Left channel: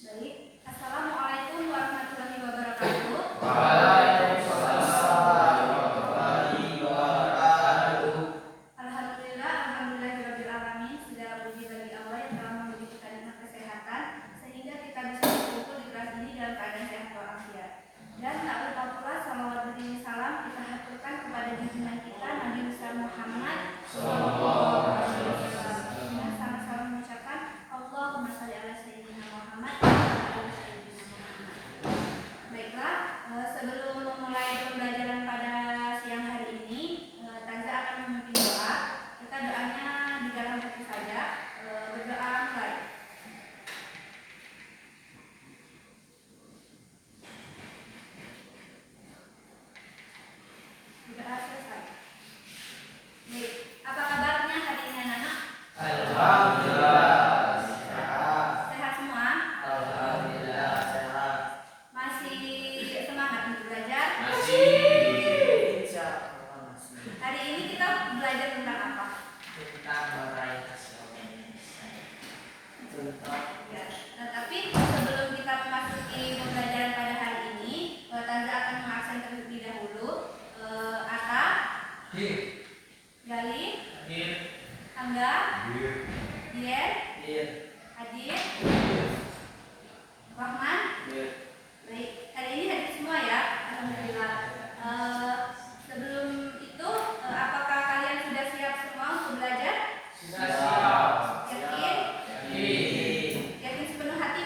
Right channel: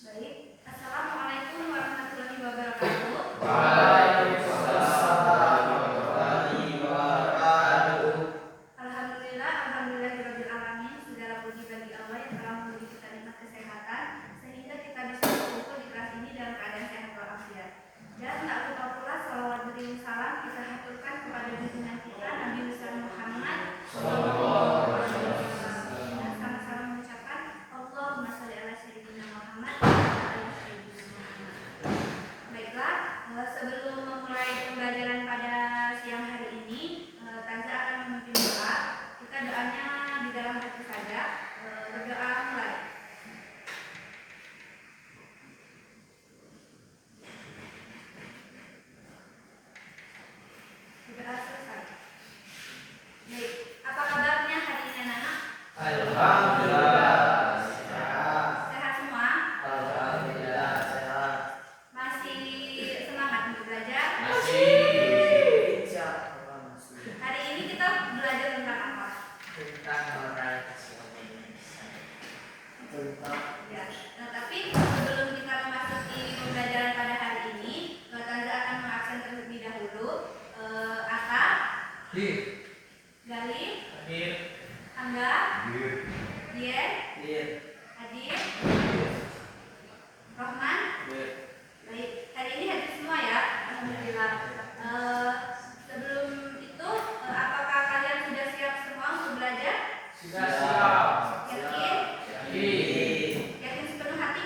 Baik, Assalamualaikum warahmatullahi wabarakatuh. Waalaikumsalam warahmatullahi wabarakatuh. Alhamdulillahirabbil alamin. Segala puji bagi Allah yang telah memberi kita nikmat kesehatan sehingga kita bisa berkumpul di kelas ini dalam keadaan sehat walafiat. Dan tak lupa pula salawat beriring salam kita haturkan kepada junjungan kita Nabi besar Muhammad sallallahu alaihi wasallam. Dan sama-sama mengucapkan Allahumma shalli ala sayyidina Muhammad wa ala ali sayyidina Muhammad. Baiklah, sebelum memulai pembelajaran pada siang hari ini, Tanza akan memimpin doa. Kita doanya di dalam hati saja. Berdoa mulai. Berdoa selesai. Baik, apa kabarnya hari ini anak-anak? Alhamdulillah sehat. Sehat semua? Alhamdulillah sehat. Masih semangat untuk belajar? Masih. Insyaallah masih. Hari ini kita belajar tentang apa? Tentang meraih hasil Indonesia. Tentang Ya, tapi sebelum kita memasuki pembelajaran pada hari ini, Tanza akan mengabsen terlebih dahulu. Ata, Hadir. Gali, Hadir. Angga, Hadir. Dian, Hadir. Adit, Rohman. Hadir. Baik, hari ini hadir semua ya, alhamdulillah. Sebelum itu, apakah kalian sudah siap semua untuk belajar? Sudah siap. Yakin? Yakin. Yakin sepenuh hati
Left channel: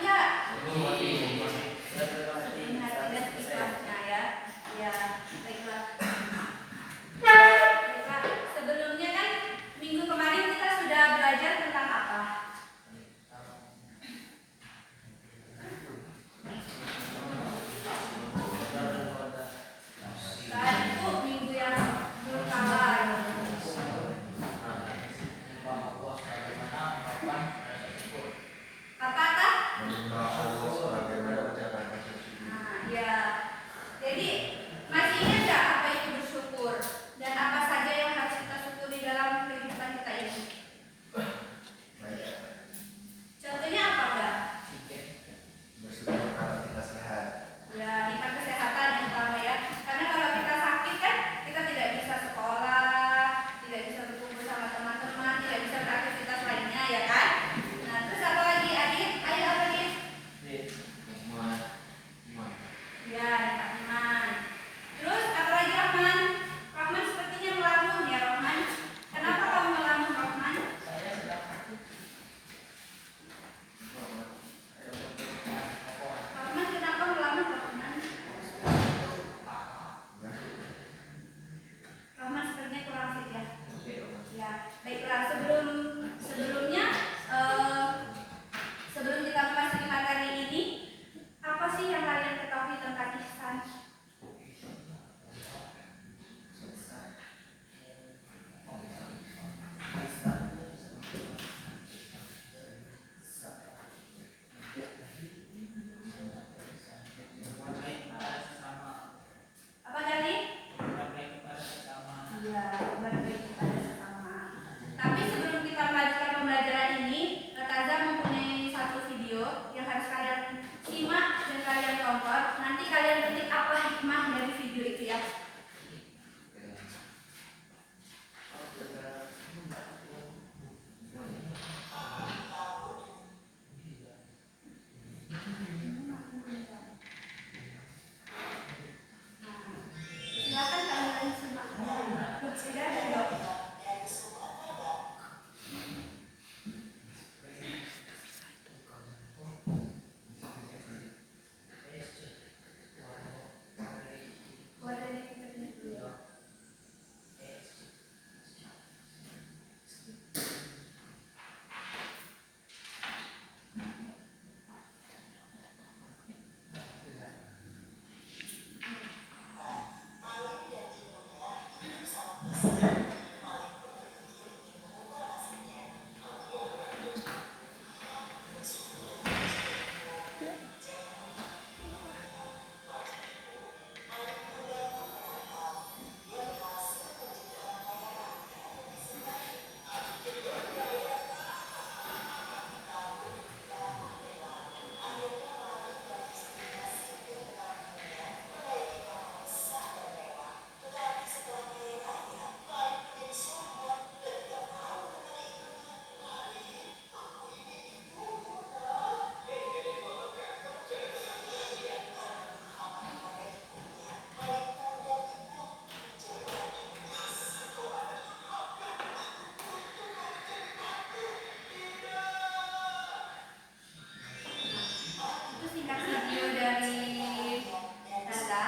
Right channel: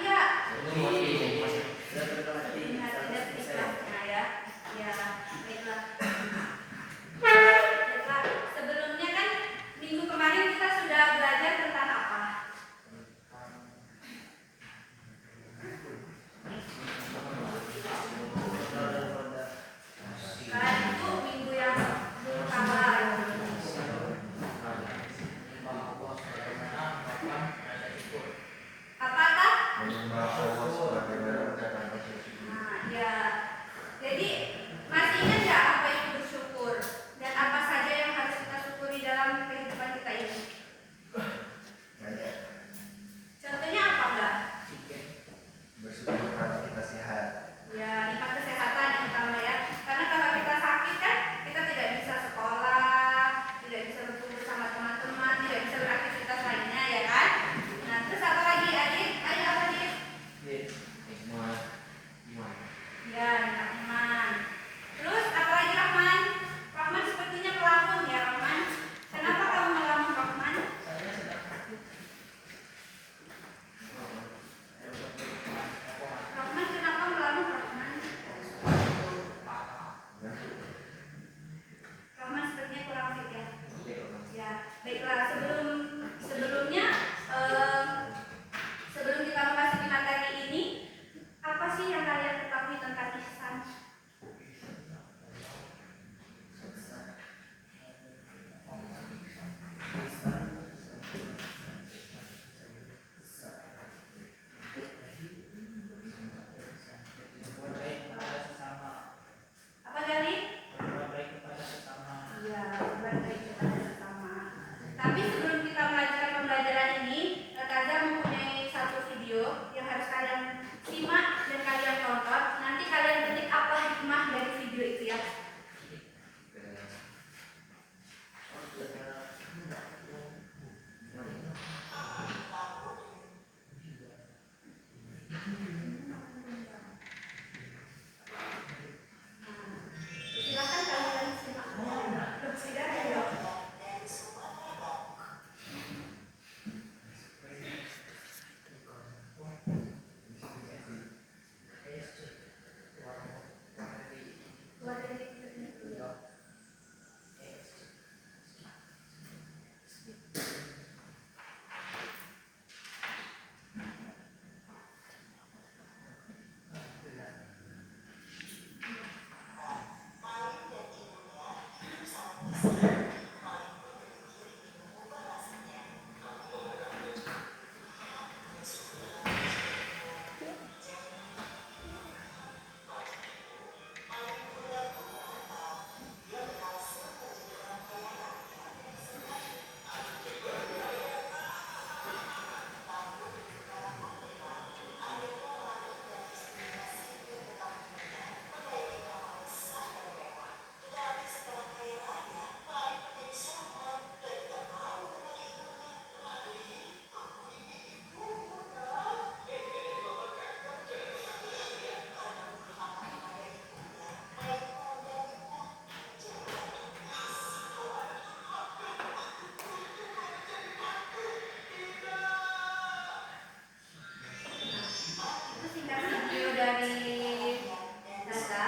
dari data.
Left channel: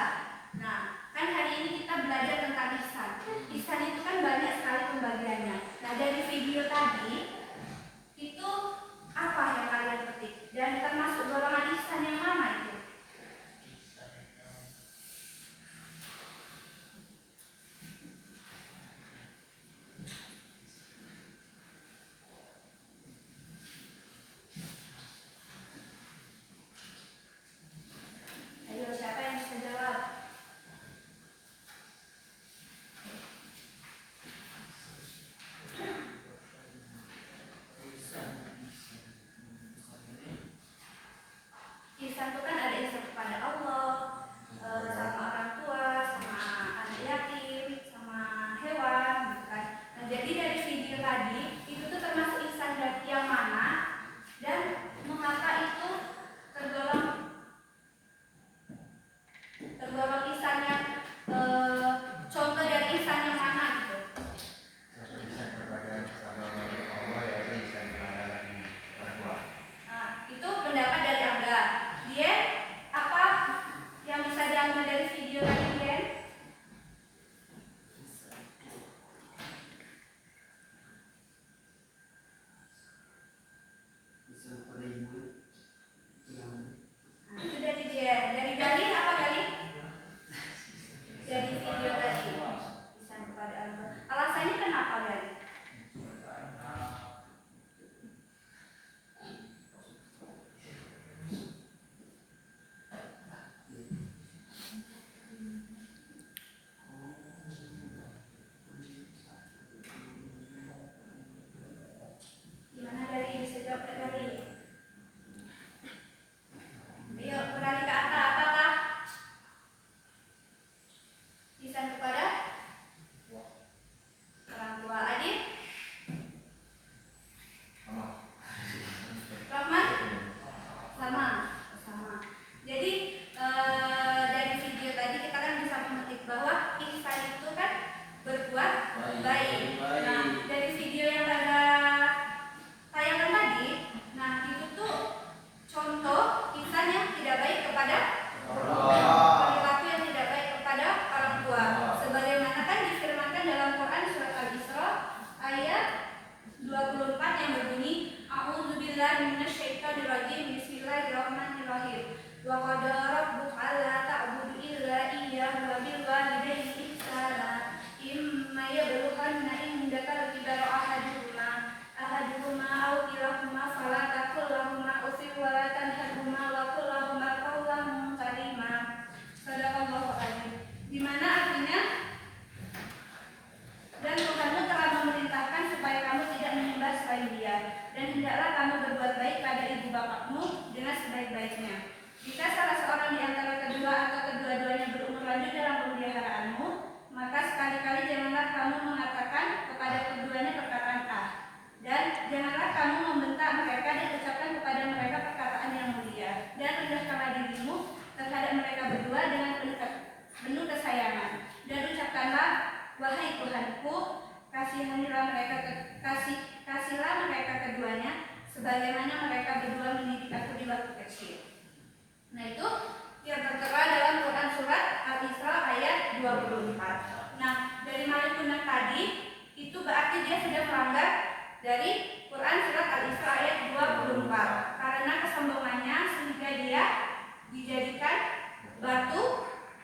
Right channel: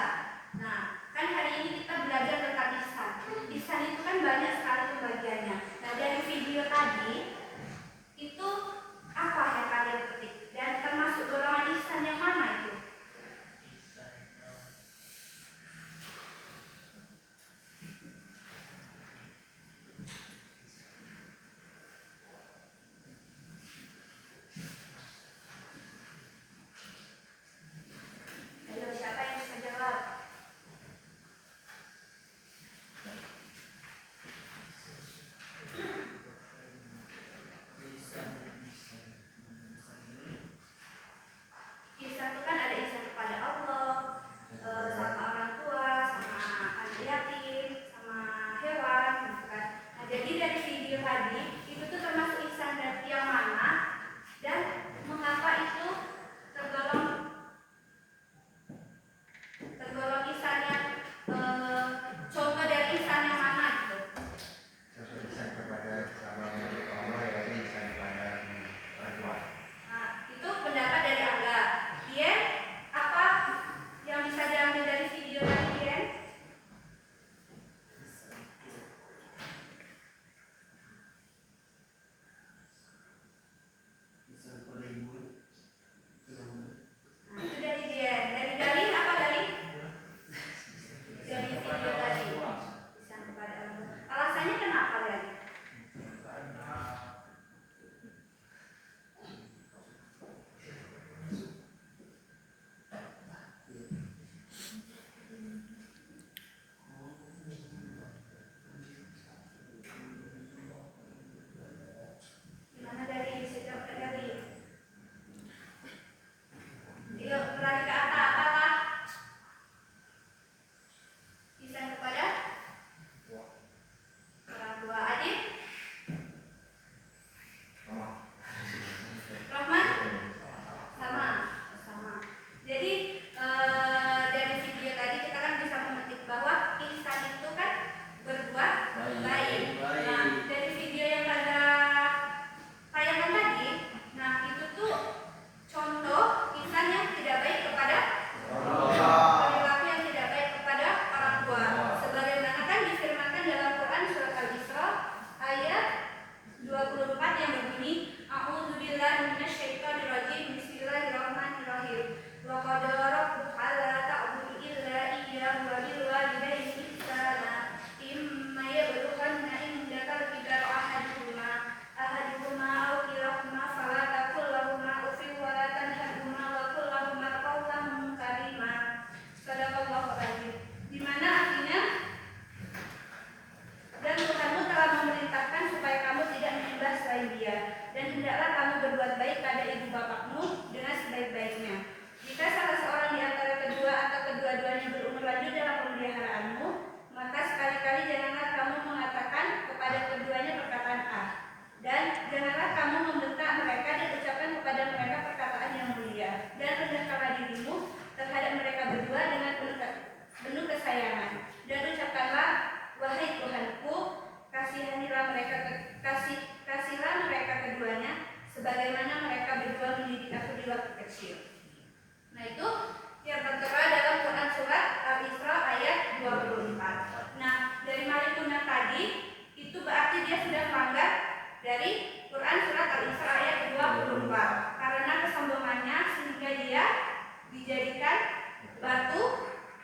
Nah, kan hari ini kita belajar tentang ihsan. Ihsan itu kan banyak sekali pembagiannya. Nah, dari video tadi itu apa yang kalian petik? Dan termasuk golongan ihsan yang mana itu? Ayo, siapa yang bisa jawab? Ihsan itu kan ada ihsan kepada Allah, sama orang tua, sama anak yatim, sama hewan, gitu kan. Nah, jadi dari video tadi itu tuh termasuk ihsan yang mana dan mengapa itu tergolong ihsan yang contoh dari ihsan yang mana gitu. Ihsan kepada Allah ya ihsan kepada orang tua. Nah, itu pendapat dari Angga. Dia apa yang bisa diambil dari video tadi, Dia? Nah, itu dari dia. Dari Gali apa Gali? Dari video tadi. Ihsan kepada Allah. Alasannya kenapa Gali? Gimana dari bisa jawab dari? Yuk, berani ke atas, apakah ihsan kepada orang tua? Adit? Rahman? Sama. Jadi dari video tadi kita kan bisa memetik bahwa ihsan itu kan berbuat baik. Nah, dari video yang ada tayangan tadi, nah itu tuh contoh ihsan yang tidak baik kepada perilaku yang tidak baik kepada orang tua. Sebagaimana kan difirmankan dalam Quran surat Al-Isra ayat 24 yang berbunyi A'udzubillahi minasyaitonirrajim. Bismillahirrahmanirrahim. Wa qad rabbuka alla ta'budu illa iyyahu wa bil walidayni ihsana. Imma yablughanna indakal kibara ahaduhuma aw kilahuma fala taqul lahumā uffin wa la tanharhumā wa qul lahumā qawlan karīmā. Shadaqallahu adzim. Di mana artinya dan Tuhanmu telah memerintahkan supaya kamu tidak menyembah selain Dia, dan hendaklah kamu berbuat baik pada ibu bapakmu dengan sebaik-baiknya. Jika salah seorang di antara kedua atau kedua-duanya berumur lanjut dalam pemeliharaanmu, maka sekali-kali janganlah kamu mengatakan kepada keduanya perkataan A, dan janganlah kamu membentak mereka dan ucapkan kepada mereka perkataan yang mulia, dan rendahkanlah dirimu terhadap mereka berdua dengan penuh kesayangan, dan ucapkanlah, wahai Tuhanku, kasihanilah mereka kasihlah mereka keduanya sebagaimana mereka berdua mendidik aku di waktu kecil. Nah, itu yang tertera dalam Quran surat Al-Isra ayat 24. Nah, dari Malikunan tadi itu berarti dia sudah melanggar dari Quran surat Al-Isra ayat 24 karena kesombongannya sehingga dia dijadikan batu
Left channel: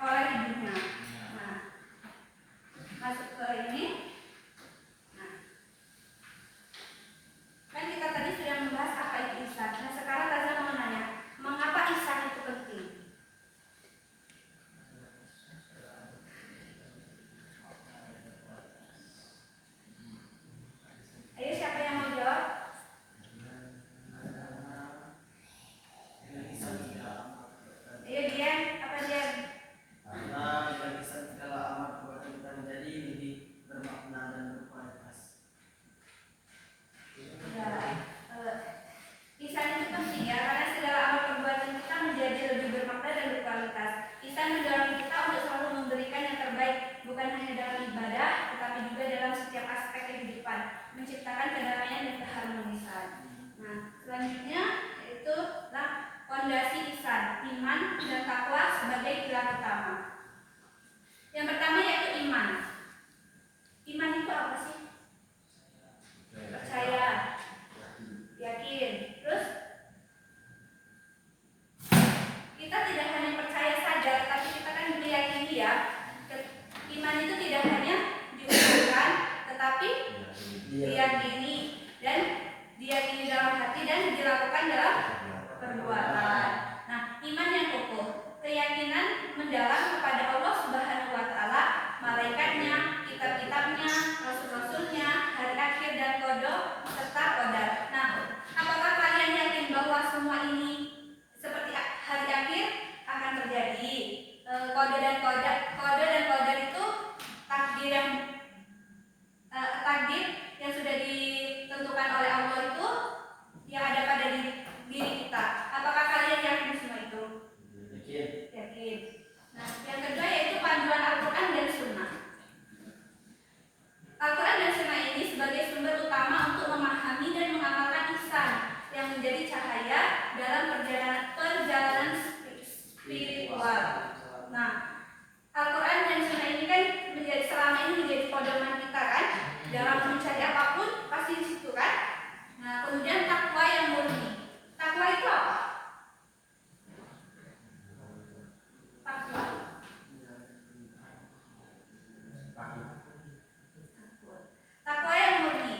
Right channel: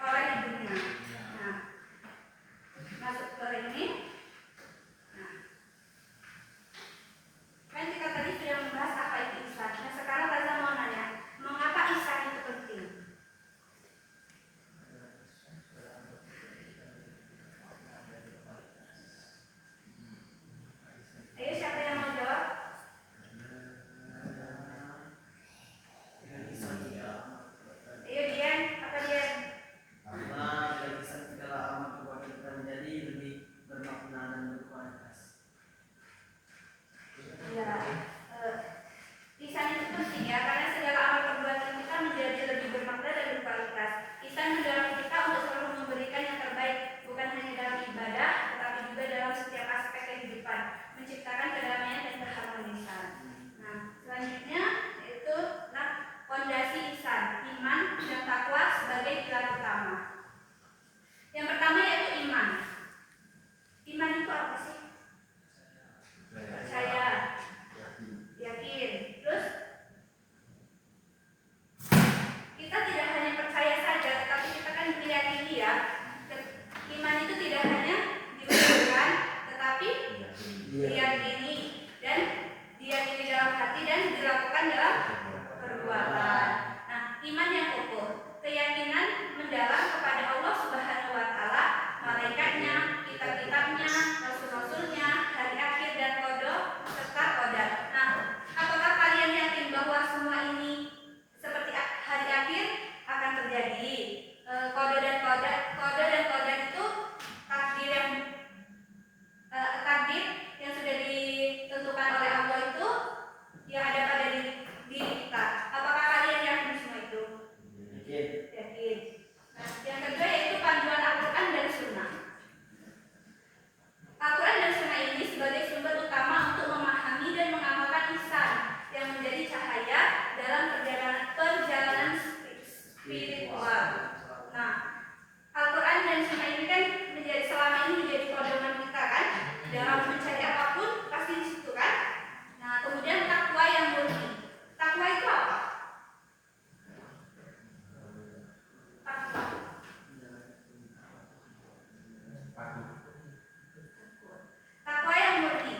oleh ibunya. Nah, masuk ke ini. Nah, kan kita tadi sudah membahas apa itu ihsan. Nah, sekarang Raza mau nanya, mengapa ihsan itu penting? Ayo, siapa yang mau jawab? Ayo, Dian, apa Dian? Karena dari segala amal perbuatan kita menjadi lebih bermakna dan berkualitas. Ya, ihsan itu penting ya, karena segala amal perbuatan kita menjadi lebih bermakna dan berkualitas. Ihsan mendorong kita untuk selalu memberikan yang terbaik, bukan hanya dalam ibadah, tetapi juga dalam setiap aspek kehidupan, menciptakan kedamaian dan keharmonisan. Nah, selanjutnya itu lah fondasi ihsan. Di iman dan takwa sebagai pilar utama. Yang pertama yaitu iman. Iman itu apa sih? Percaya, yakin. Terus kita tidak hanya percaya saja, tapi kita kan meyakini ya. Iman itu tidak hanya diucapkan, tetapi diyakini dan diyakini dalam hati dan dilakukan dalam perbuatan. Nah, iman yang kokoh, keyakinan mendalam kepada Allah Subhanahu wa taala, malaikatnya, kitab-kitabnya, rasul-rasulnya, hari akhir dan qada serta qadar. Nah, apakah kalian yakin bahwa semua ini seperti hari akhir akan terjadi? Qada dan qadar itu takdir yang sudah ditentukan oleh Allah itu yang ada pada diri kita. Apakah kalian yakin semua itu? Yakin. Nah, yang kedua yaitu panduan Al-Quran dan Sunnah. Al-Quran dan Sunnah ini sebagai sumber utama untuk memahami dan mengamalkan ihsan yang menjadi cahaya dalam perjalanan spiritual. Nah, Al-Quran dan Sunnah ini kan selama ini menjadi pedoman kita kan dalam mencari apapun pasti di situ kan. Nah, kemudian takwa yang murni. Takwa itu apa? Takwa yang murni,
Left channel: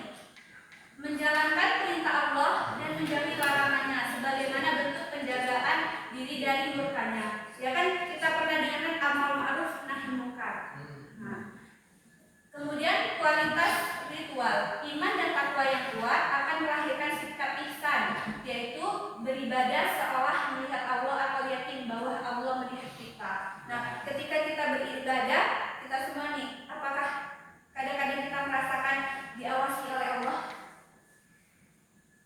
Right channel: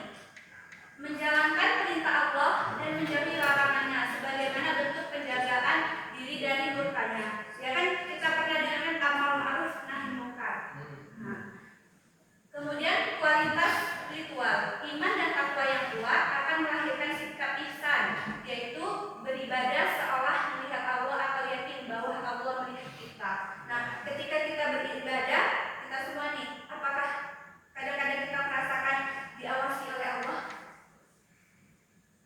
menjalankan perintah Allah dan menjauhi larangannya sebagaimana bentuk penjagaan diri dari murkanya. Ya kan kita pernah dengar amal ma'ruf nahi munkar. Nah, kemudian kualitas ritual, iman dan takwa yang kuat akan melahirkan sikap ihsan, yaitu beribadah seolah melihat Allah atau yakin bahwa Allah melihat kita. Nah, ketika kita beribadah, kita semua nih, apakah kadang-kadang kita merasakan diawasi oleh Allah?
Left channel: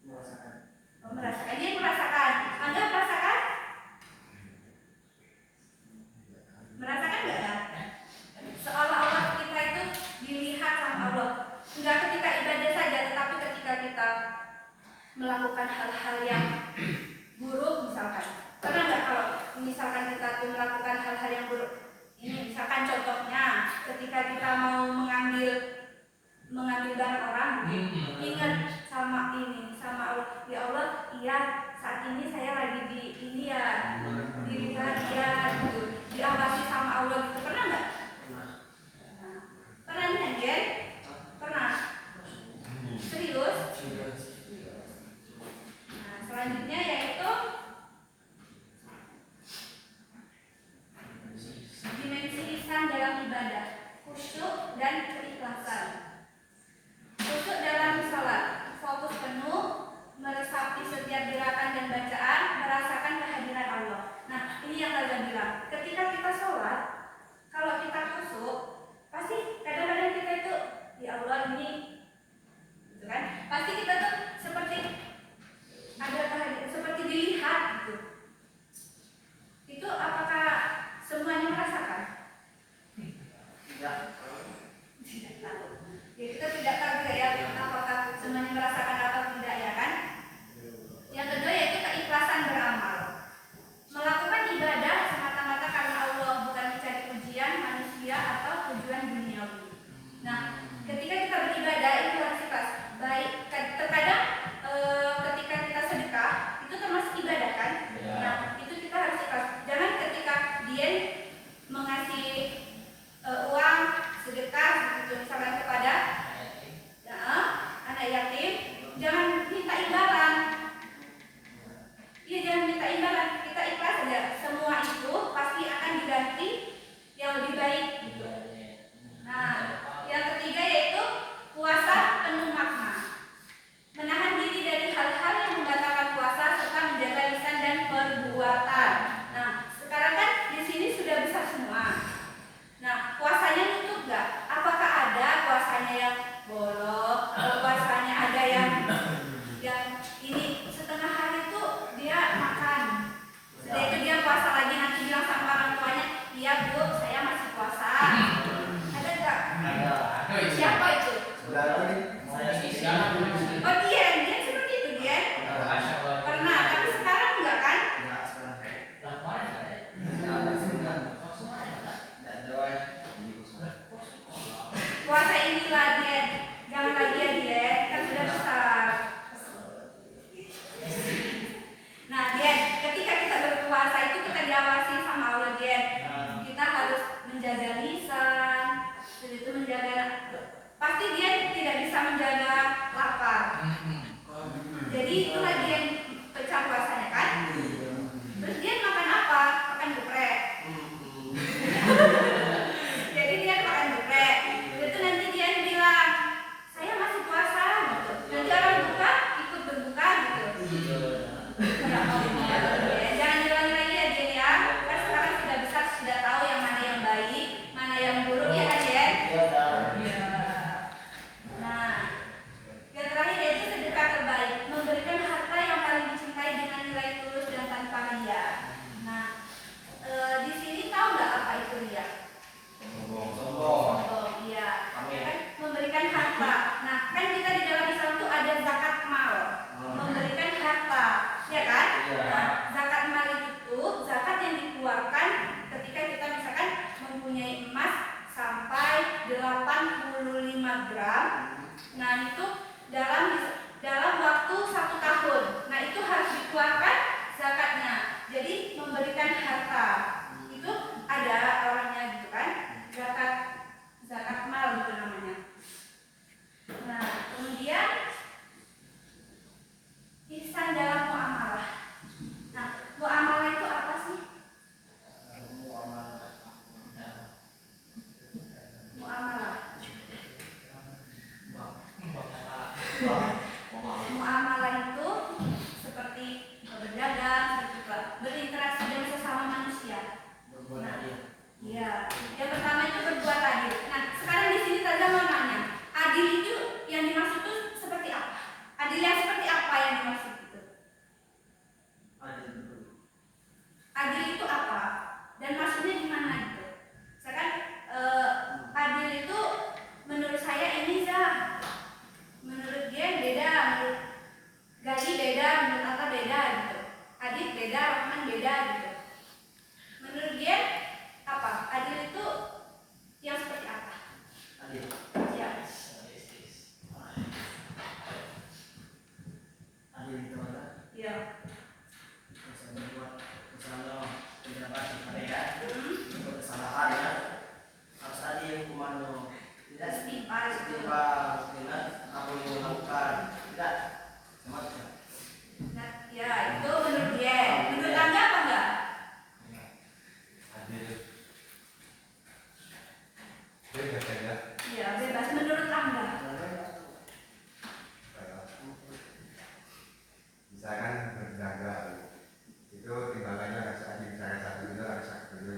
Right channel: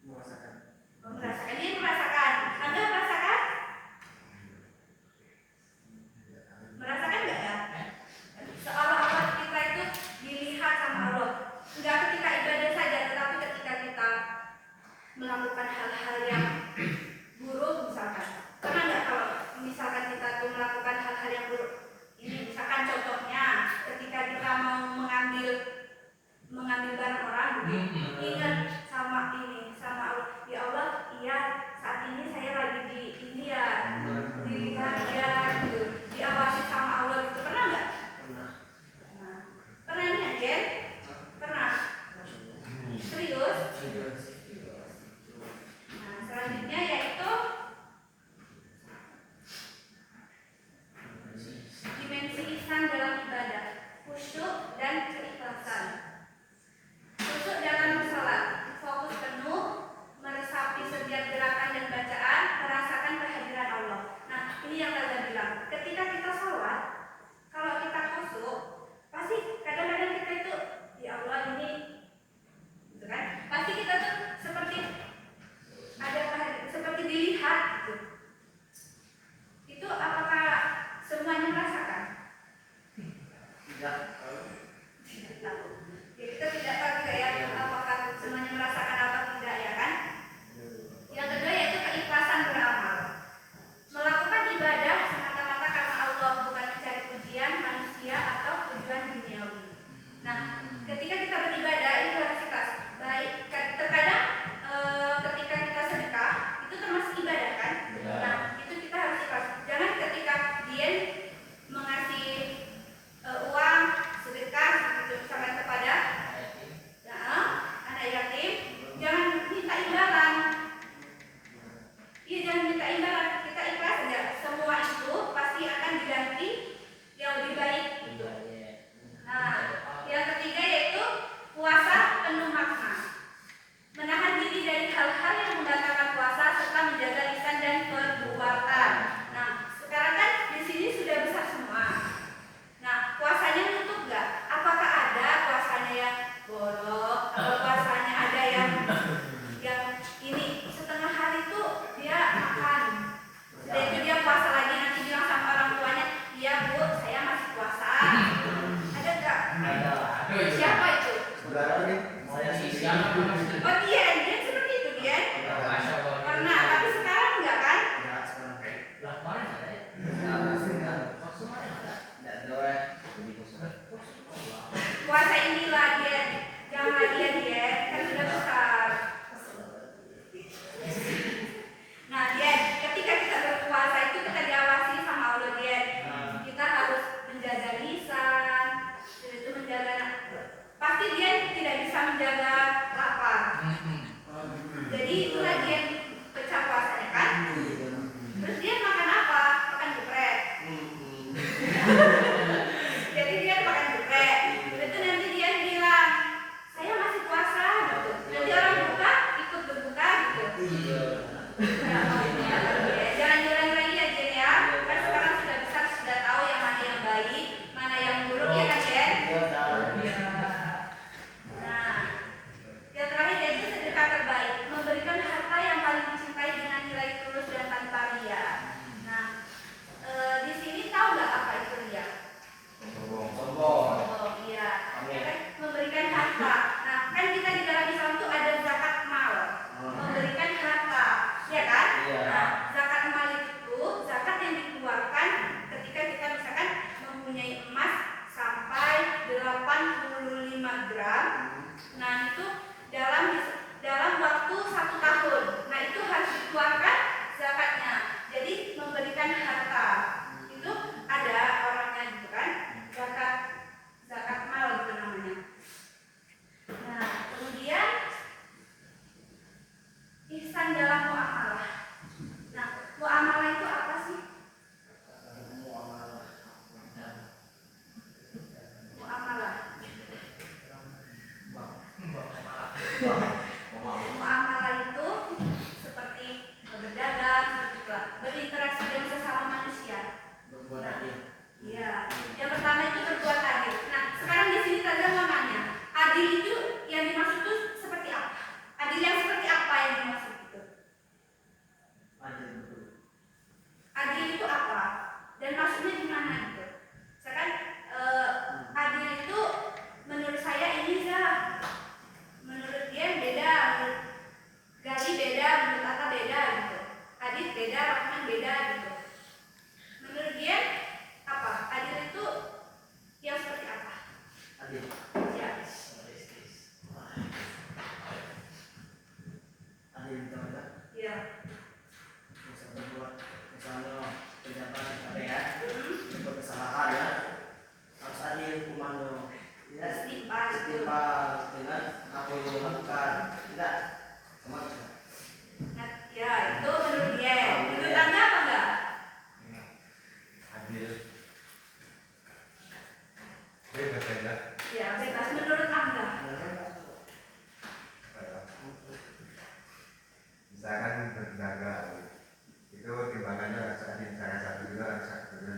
Merasakan. Dia merasakan. Anda merasakan? Merasakan nggak ya? Seolah-olah kita itu dilihat sama Allah. Enggak ketika ibadah saja, tetapi ketika kita melakukan hal-hal yang buruk misalkan. Pernah nggak kalau misalkan kita tuh melakukan hal-hal yang buruk? Ini misalkan contohnya ketika kita mau mengambil barang orang, ingat sama Allah. Ya Allah, iya saat ini saya lagi di ini ya, dilihat ya gitu, diawasi sama Allah gitu. Pernah nggak? Pernah nih Jen? Pernah? Serius? Nah, selanjutnya yaitu dimensi ihsan dalam ibadah, khusyuk dan keikhlasan. Khusyuk dalam sholat, fokus penuh, meresapi setiap gerakan dan bacaan, merasakan kehadiran Allah. Nah, ini yang Laza bilang, ketika kita sholat, kalau kita khusyuk, pasti kadang-kadang kita itu, ya Allah ini, gitu kan? Pasti kita tuh seperti ada kehadiran, seperti dilihat gitu. Itu apakah semuanya merasakan? Tidak tahu. Ya, kita tidak tahu ya apakah semuanya merasakan atau tidak ya kan? Yang kedua yaitu keikhlasan beramal. Melakukan ibadah semata-mata karena Allah, bukan mencari pujian manusia atau tujuan duniawi. Nah, ketika kita beribadah itu harus ikhlas. Baik, terkadang ketika kita sedekah itu termasuk ibadah kan? Nah, itu kita harus ikhlas. Jangan ketika dia mengasih uang sedekah gitu misalkan kepada anak yatim, jangan minta imbalan. Iya, jangan minta imbalan. Kita ikhlas saja. Semua itu pasti akan diganti yang lebih baik gitu. Nah, yang ketiga yaitu puasa penuh makna. Menahan diri dari hal-hal yang membatalkan puasa serta menjaga lisan dan perbuatan. Nah, sekarang kan di sini sudah besar semua. Nah, puasanya nutup nggak? Apakah ada puasanya yang bolong atau puasanya ada yang Rahman beda gitu. Menurut dia apa? Adil itu yang seperti apa? Adil. Ya. Adil itu apa? Iya. Bisa berbuat misalnya pejabat area Hmm. untuk kesalahan ya harus adil hukumannya. Tidak Setimpal itu. setimpal dengan apa yang dilakukan. Tidak sama saja. Nah, ya itu menurut dia. Menurut Anda apa enggak? Adil. Bebas saja. Ya bebas. Menurut Anda? Misalkan berjaga itu timbangannya harus adil, misalkan 1 kilo harus 1 kilo,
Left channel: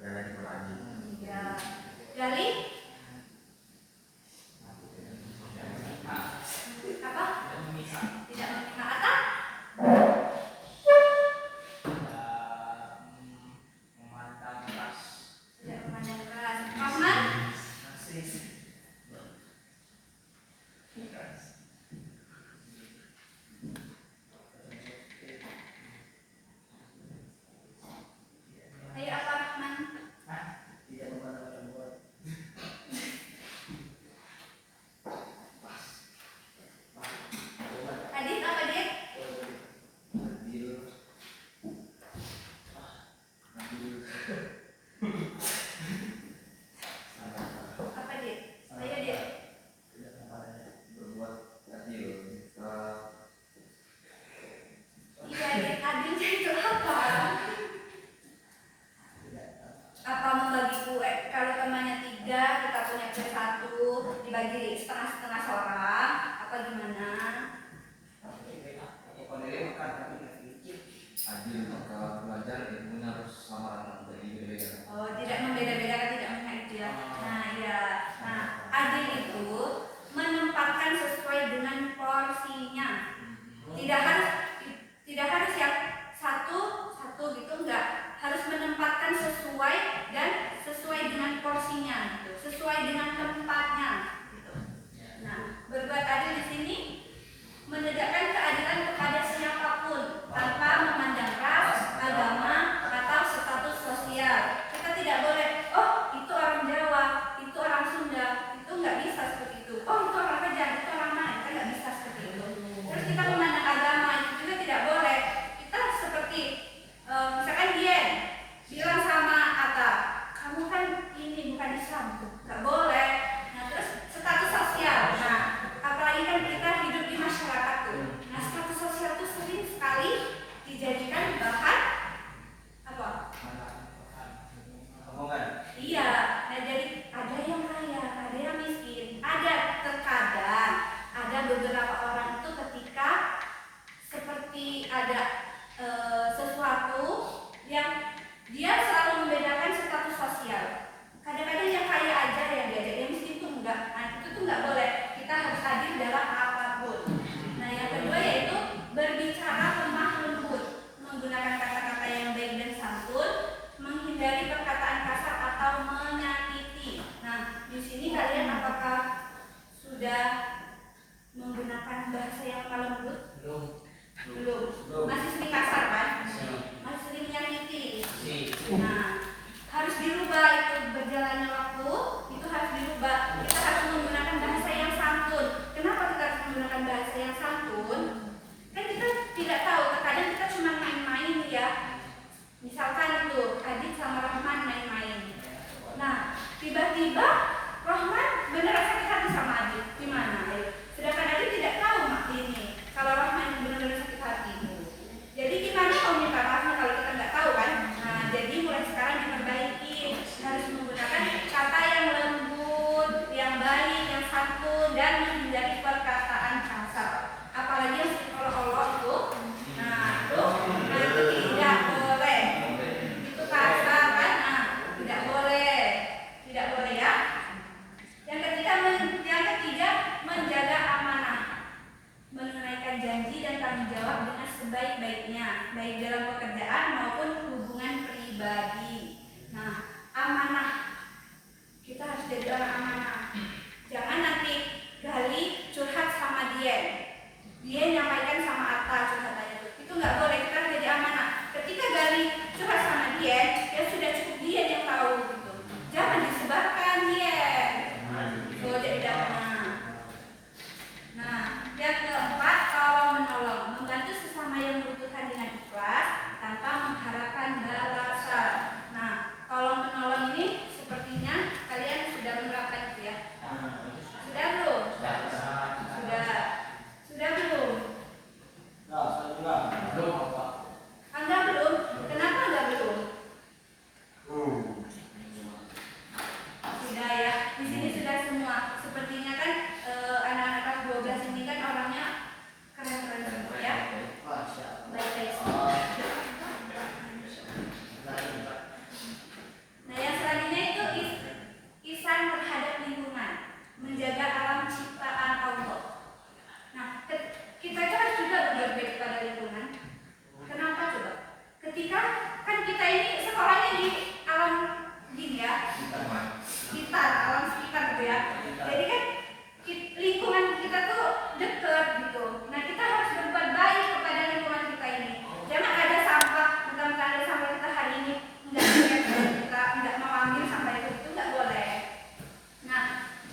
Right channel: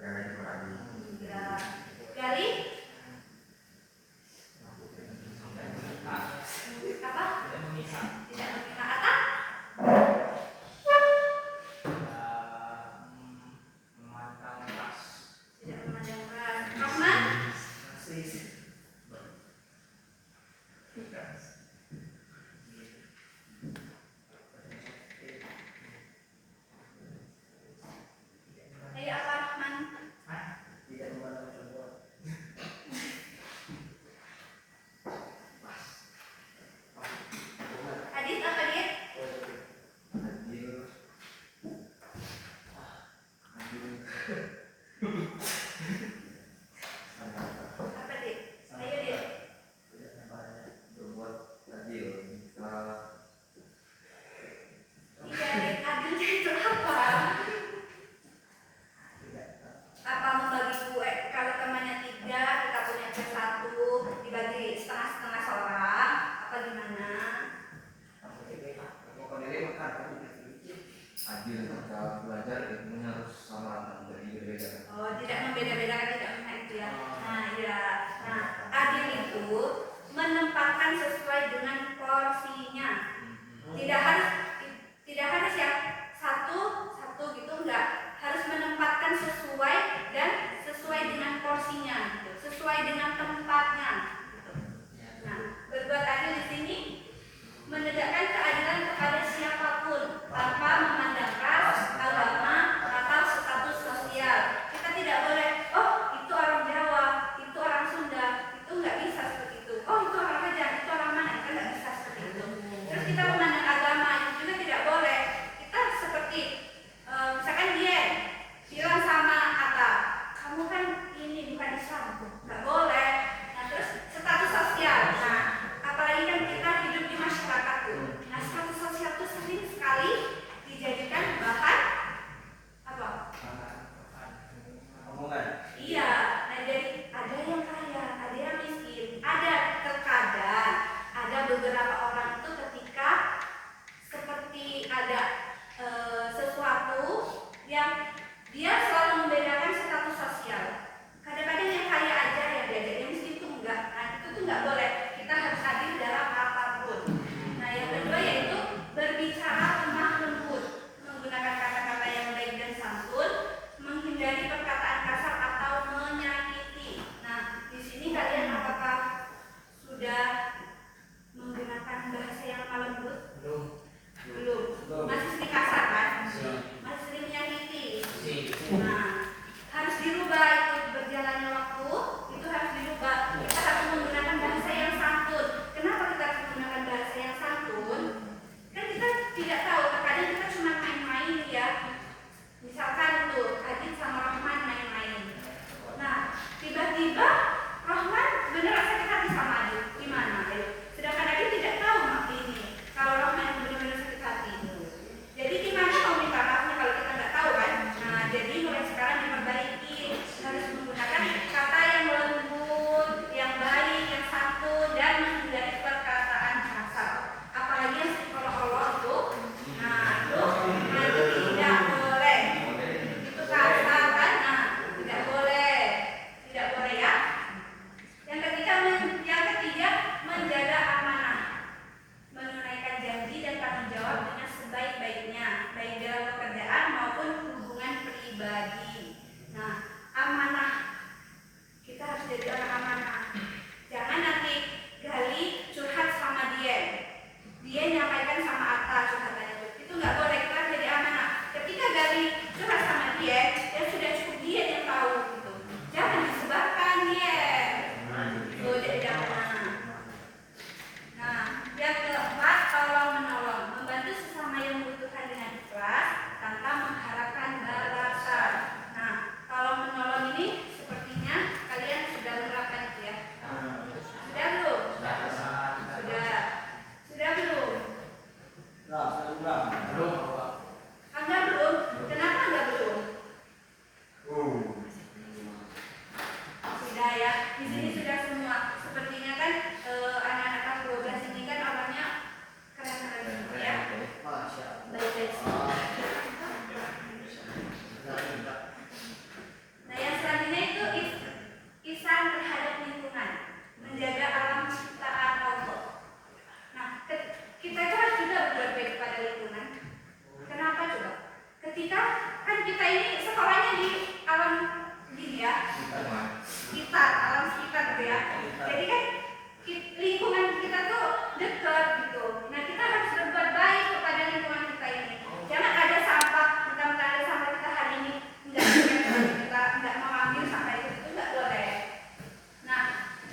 jangan dikurangi. Ya. Gali? Apa? Tidak memihak. Atta? Tidak memandang keras. Rahman? Ayo apa Rahman? Tidak memandang perempuan. Adit apa Dit? Adil. Apa Dit? Ayo Dit. Tidak sampai. Berbuat adil. Iya Dit. Adilnya itu apa? Apa membagi kue? Kalau temannya 3, kita punya kue 1, dibagi setengah-setengah seorang, apa gimana? Adil maka belajar ilmunya harus sama rata, jadi berbeda. Oh, tidak membeda-bedakan, tidak memihak itu ya. Nah, ya. Nah, adil itu menempatkan sesuai dengan porsinya. Tidak harus ya satu gitu, enggak. Harus menempatkan sesuai dan sesuai dengan porsinya gitu, sesuai dengan tempatnya gitu. Nah, berbuat adil di sini menegakkan keadilan kepada siapapun tanpa memandang ras, agama, atau status sosial. Kita tidak boleh, oh itu orang Jawa, itu orang Sunda, itu nggak bisa seperti itu. Oh itu orang Rejang, itu orang mana? Kita nggak bisa seperti itu. Terus kita memandang agama itu juga tidak boleh. Kita seperti misalkan dia bilang sama Atta, kamu kan ini bukan Islam, nggak boleh. Nah terus status sosial. Nah apalagi kan kita hidup di masyarakat tuh. Nah status sosial tuh sering sekali dijadikan bahan apa? Omongan. Iya. Nah jadi ada yang kaya, ada yang miskin, ada terkadang ada beberapa orang itu ketika seperti ada sesuatu yang dia selalu membedakan status sosial. Kadang-kadang yang kaya aja ya dia, yang miskin tuh enggak. Nah itu tuh enggak boleh. Kita harus adil dalam apapun. Nah yang kedua yaitu berbicara lemah lembut, menggunakan kata-kata yang baik dan santun, menghindari perkataan kasar atau menyakiti. Nah di sini kalian apakah sudah menggunakan bahasa yang lemah lembut? Belum. Masih sering kasar kan? Masih sering menyakiti. Nah, harus dirubah itu berjalannya waktu, itu harus dirubah. Kita harus menggunakan bahasa yang santun. Kenapa kita harus menggunakan bahasa yang santun? Kan kita tidak tahu, terkadang kita cuma main-main ya. Misalkan itu Adit sama Rahman main-main. Nah, tiba-tiba Rahman beneran sakit hati sama Adit. Gimana? Sedangkan Adit tidak tahu ini. Kalau Rahman yang benar-benar sakit hati. Jadi gimana mau minta maafnya kalau kita nggak tahu kan? Nah, jadi mulai sekarang diperbaiki, harus menggunakan kata yang lembut, yang baik, yang santun, dan menghindari perkataan kasar. Apalagi yang seolah-olah itu, nah itu tidak boleh. Itu kasar kan? Nah, tidak boleh ya. Yang ketiga menjaga amanah, menunaikan janji dan tanggung jawab dengan sebaik-baiknya, baik dalam pekerjaan maupun hubungan pribadi. Nah, amanah, kita harus jadi orang amanah. Jangan nanti Gali curhat sama dia nyampaikan sama Atta curhatannya itu nggak boleh. Kita harus jadi amanah. curhat sama dia, ya sudah cukup dia yang tahu gitu. Jangan disebarkan dia. Jadi Nah, yang keempat, tolong menolong, membantu sesama yang membutuhkan dengan ikhlas tanpa mengharapkan balasan. Nah, tolong menolong ini sepertinya kalian sudah menerapkan itu ya. Sudah belum? Sudah belum? Anda belum? Kenapa Anda belum? Sudah ya. Di sini sudah semua. Sepertinya kan anak-anak kelas 12 ini kan orangnya keren-keren semua ya. Baik-baik semua. Nah, yang selanjutnya itu ihsan terhadap lingkungan, menjaga alam ciptaan Allah. Nah, kita itu harus juga berbuat baik kepada lingkungan. Kenapa coba? Ketika kan kita ini sekolahnya di alam dunia, sekitar alam sekitar gitu ya. Jadi kan lingkungan kita tuh dekat gitu. Nah, kita harus berbuat baik kepada lingkungan kita ini. Jangan ada sampah, mentang-mentang ada sampah kita hari ini kita nggak mau ambil sampah itu nggak boleh. Nah,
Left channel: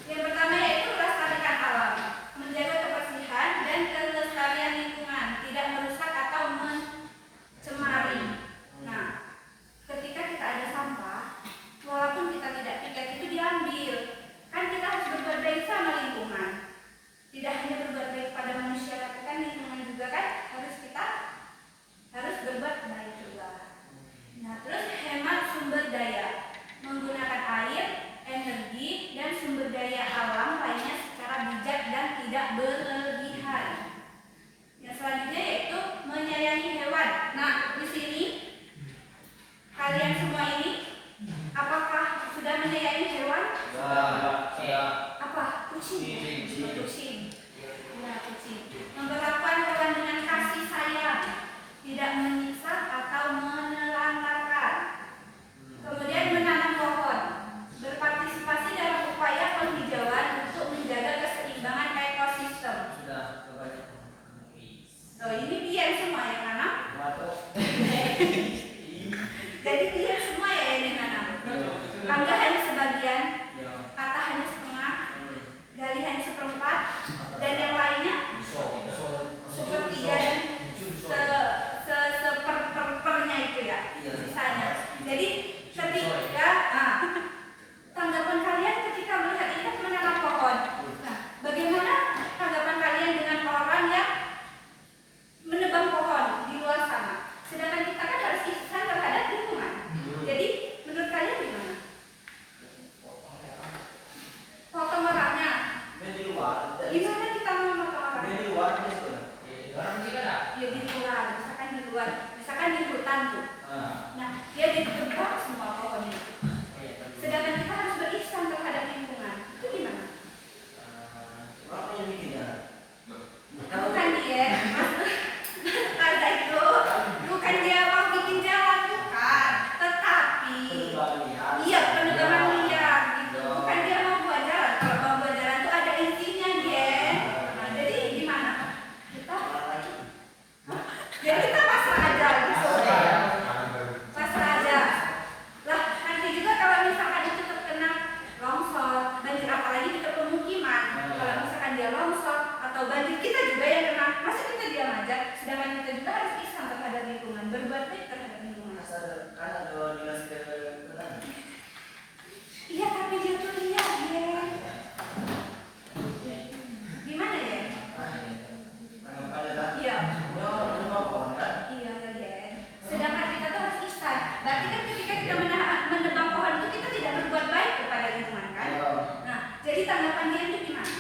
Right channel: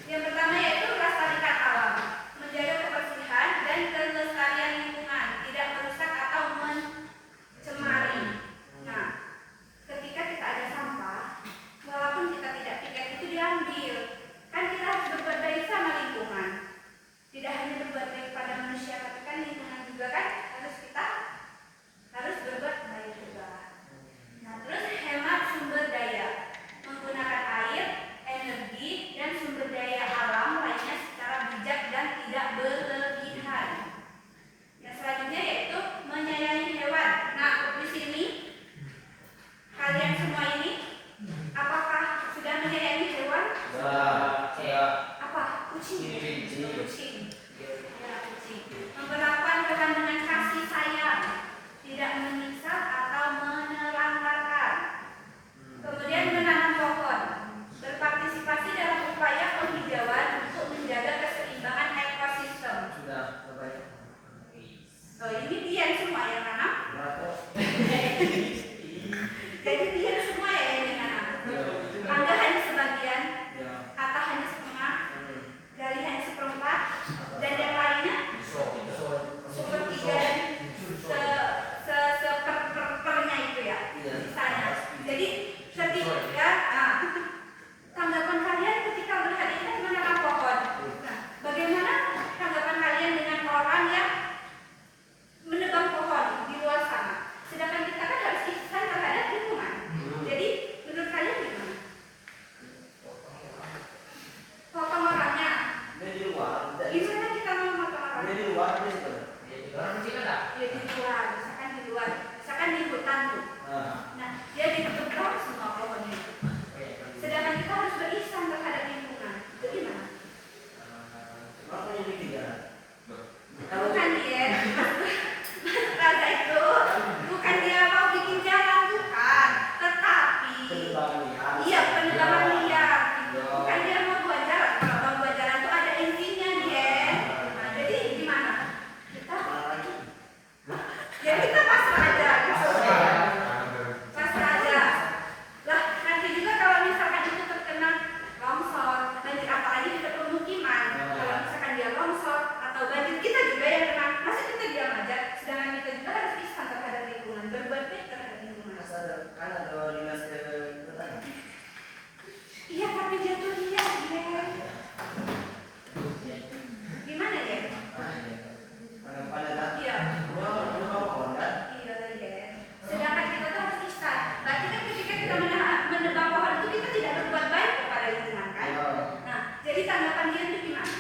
yang pertama yaitu melestarikan alam, menjaga kebersihan dan kelestarian lingkungan, tidak merusak atau mencemari. Nah, ketika kita ada sampah, walaupun kita tidak piket itu diambil, kan kita harus berbuat baik sama lingkungan. Tidak hanya berbuat baik pada manusia, tapi kan lingkungan juga kan harus berbuat baik juga. Nah, terus hemat sumber daya, menggunakan air, energi, dan sumber daya alam lainnya secara bijak dan tidak berlebihan. Yang selanjutnya yaitu menyayangi hewan. Nah, di sini kalian semua ini apakah sudah menyayangi hewan? Apa? Kucing. Kucing. Ya, kucing. Memperlakukan hewan dengan kasih sayang, tidak menyiksa atau menelantarkan. Kemudian menanam pohon, berpartisipasi dalam upaya penghijauan untuk menjaga keseimbangan ekosistem. Oh, ini dia semua yang nanam. Jadi dia semua ya yang nanam. Angga hanya sebagian, Kata hanya setengah, Gali hanya seperempat, dan yang lainnya sepertiga dan seperpernya itu ya, sisanya. Jadi ketika tanggapan kalian ketika melihat ini kan menanam pohon. Nah, bagaimana tanggapan kalian dengan orang yang menebang pohon di luar sana? Sedangkan kita kan harus ihsan terhadap lingkungan. Jadi menurut kalian gimana? Potong orangnya. Gimana kita mau potong orangnya? Di luar. Ya di luar. Misalkan di hutan tuh. Nah, dia ditebang semua pohonnya. Sedangkan kita harus berihsan terhadap lingkungan. Itu gimana? Bukan dia. Kata itu bukan dia mau bikin jalan, bukan. Tetapi iya, penebangan liar. Bukan dia mau buat jalan. Kalau mau buat jalan itu ada intinya dia. Nah, jadi gimana? Jadi kita pasrah aja gitu. Pasrah aja. Lah, nanti juga kalau misalkan itu terkena longsor, banjir apalagi di pemukiman. Kalau misalkan dia longsor atau banjir, kita juga yang kena. Masa kita diam aja? Sedangkan kita juga harus ihsan terhadap lingkungan, berbuat baik terhadap lingkungan. Kan ada dinas kesehatan. Iya, tapi dia tuh lihat dia. Gimana ya? Iya. Iya, iya. Sedangkan kita tuh harus ihsan. Berarti kan ketika kita menebang pohon itu kita tidak berbuat baik kepada lingkungan kan? Nah, jadi tanggapan dia itu gimana?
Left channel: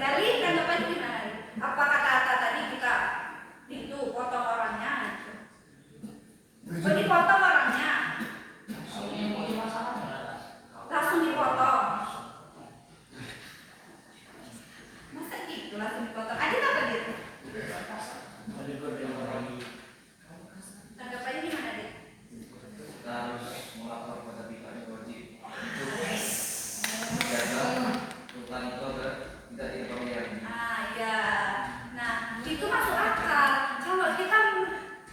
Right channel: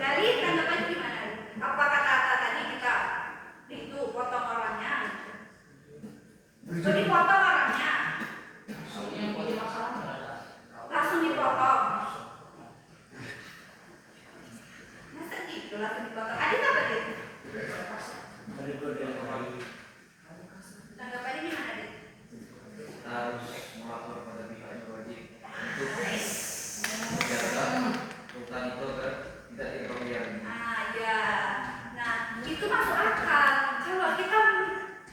Gali, tanggapannya gimana? Apa kata tadi kita itu potong orangnya? Dipotong orangnya, langsung dipotong. Masa gitu langsung dipotong? Ada apa dia? Tanggapannya gimana dia? Kita harus melapor pada pihak yang wajib untuk menjaga hutan itu agar tidak dirugikan. Ya. Nah, itu masuk akal. Kalau kita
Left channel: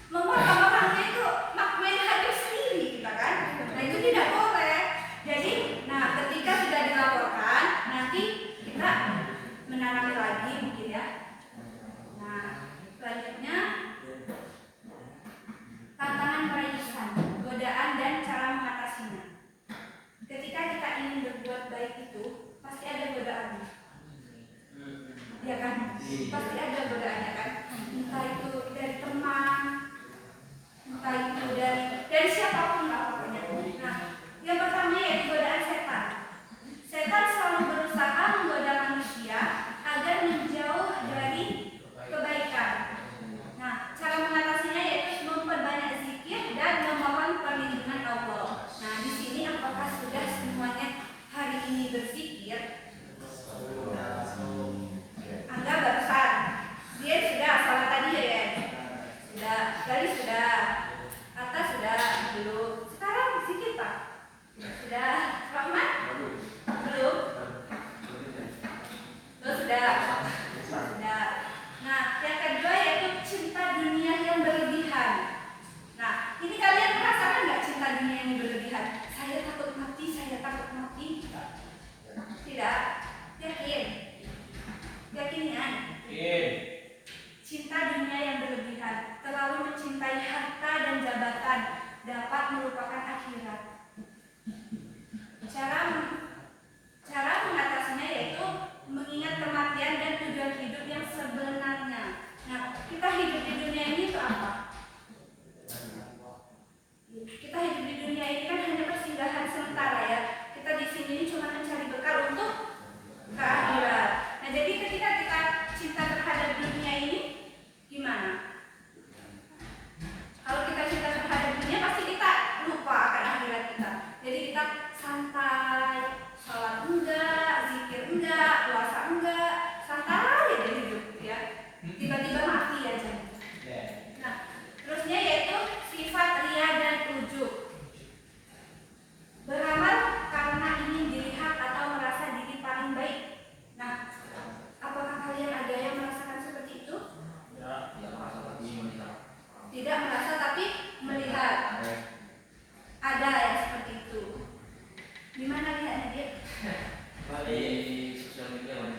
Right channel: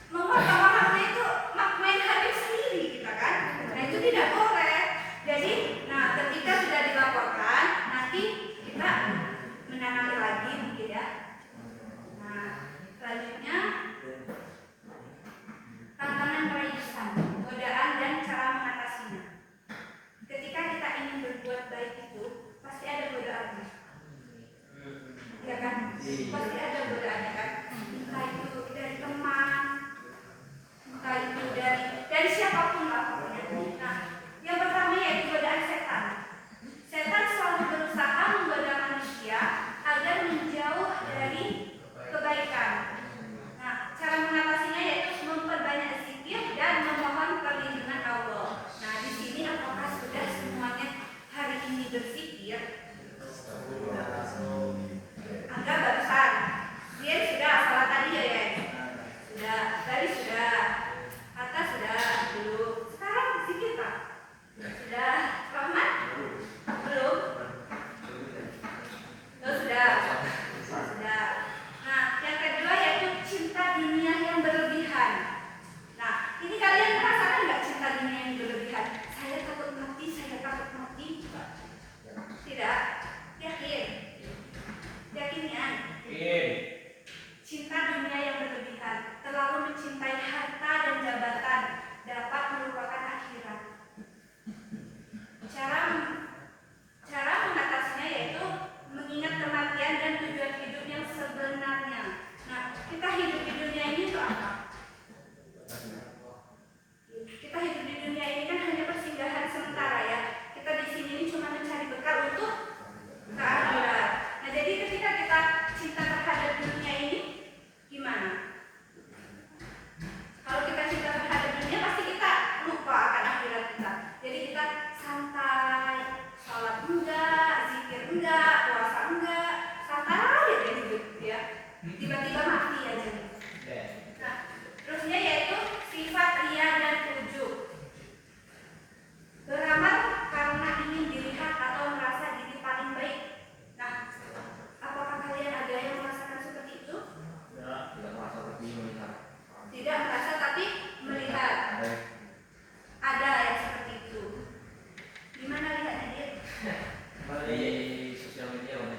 menguatkan orangnya itu main hakim sendiri kita kan. Nah itu tidak boleh. Jadi, nah ketika sudah dilaporkan, nanti kita menanami lagi mungkin ya. Nah selanjutnya tantangan meraih ihsan, godaan dan cara mengatasinya. Ketika kita ingin berbuat baik itu pasti ada godaannya, ya kan? Pasti ada godaannya kan? Entah itu dari teman, entah itu dari siapapun lah pokoknya. Nah, yang pertama yaitu godaan setan. Setan selalu berusaha menggoda manusia agar menjauh dari kebaikan. Nah, cara mengatasinya yaitu memperbanyak zikir dan memohon perlindungan Allah. Nah, di sini apakah sudah semuanya hari ini berzikir? Angga barusan, dia sudah salah tadi ya? Sudah, dari sudah, Atta sudah, belum. Sekarang zikir Pak? Sudah, Rahman? Belum? Oh, sudah. Sudah. Nah, yang kedua yaitu cinta dunia yang berlebihan. Nah, ini kalian merasakan nggak cinta dunia yang berlebihan? Saya takut mati, saya takut mati. Tidak? Yakin? Yakinian? Cinta dunia yang berlebihan, terlalu mencintai harta dan jabatan dapat melupakan akhirat. Cara mengatasinya yaitu mengingat kematian dan tujuan hidup yang sebenarnya. Nah, kita hidup di dunia ini itu apa? Kita hidup di dunia ini kan hanya persinggahan sementara ya. Kita di sini cuma mencari bekal untuk ke akhirat. Nah, jadi ketika kita cinta terhadap dunia ini, gimana? Kalau kita cinta terhadap dunia, pasti kita lupa akan akhirat kita. Jadi kita santai, sholat enggak, zikir enggak, puasa enggak, santai aja hidup ya. Tiba-tiba mati aja. Nah, terusnya yaitu sifat ria dan ujub. Beramal karena ingin dilihat atau merasa diri paling baik. Nah, apakah kalian ada yang merasakan seperti itu? Tidak merasa tapi melihat. Ada yang seperti itu. Di mana lihatnya dia? Di sosial media mana?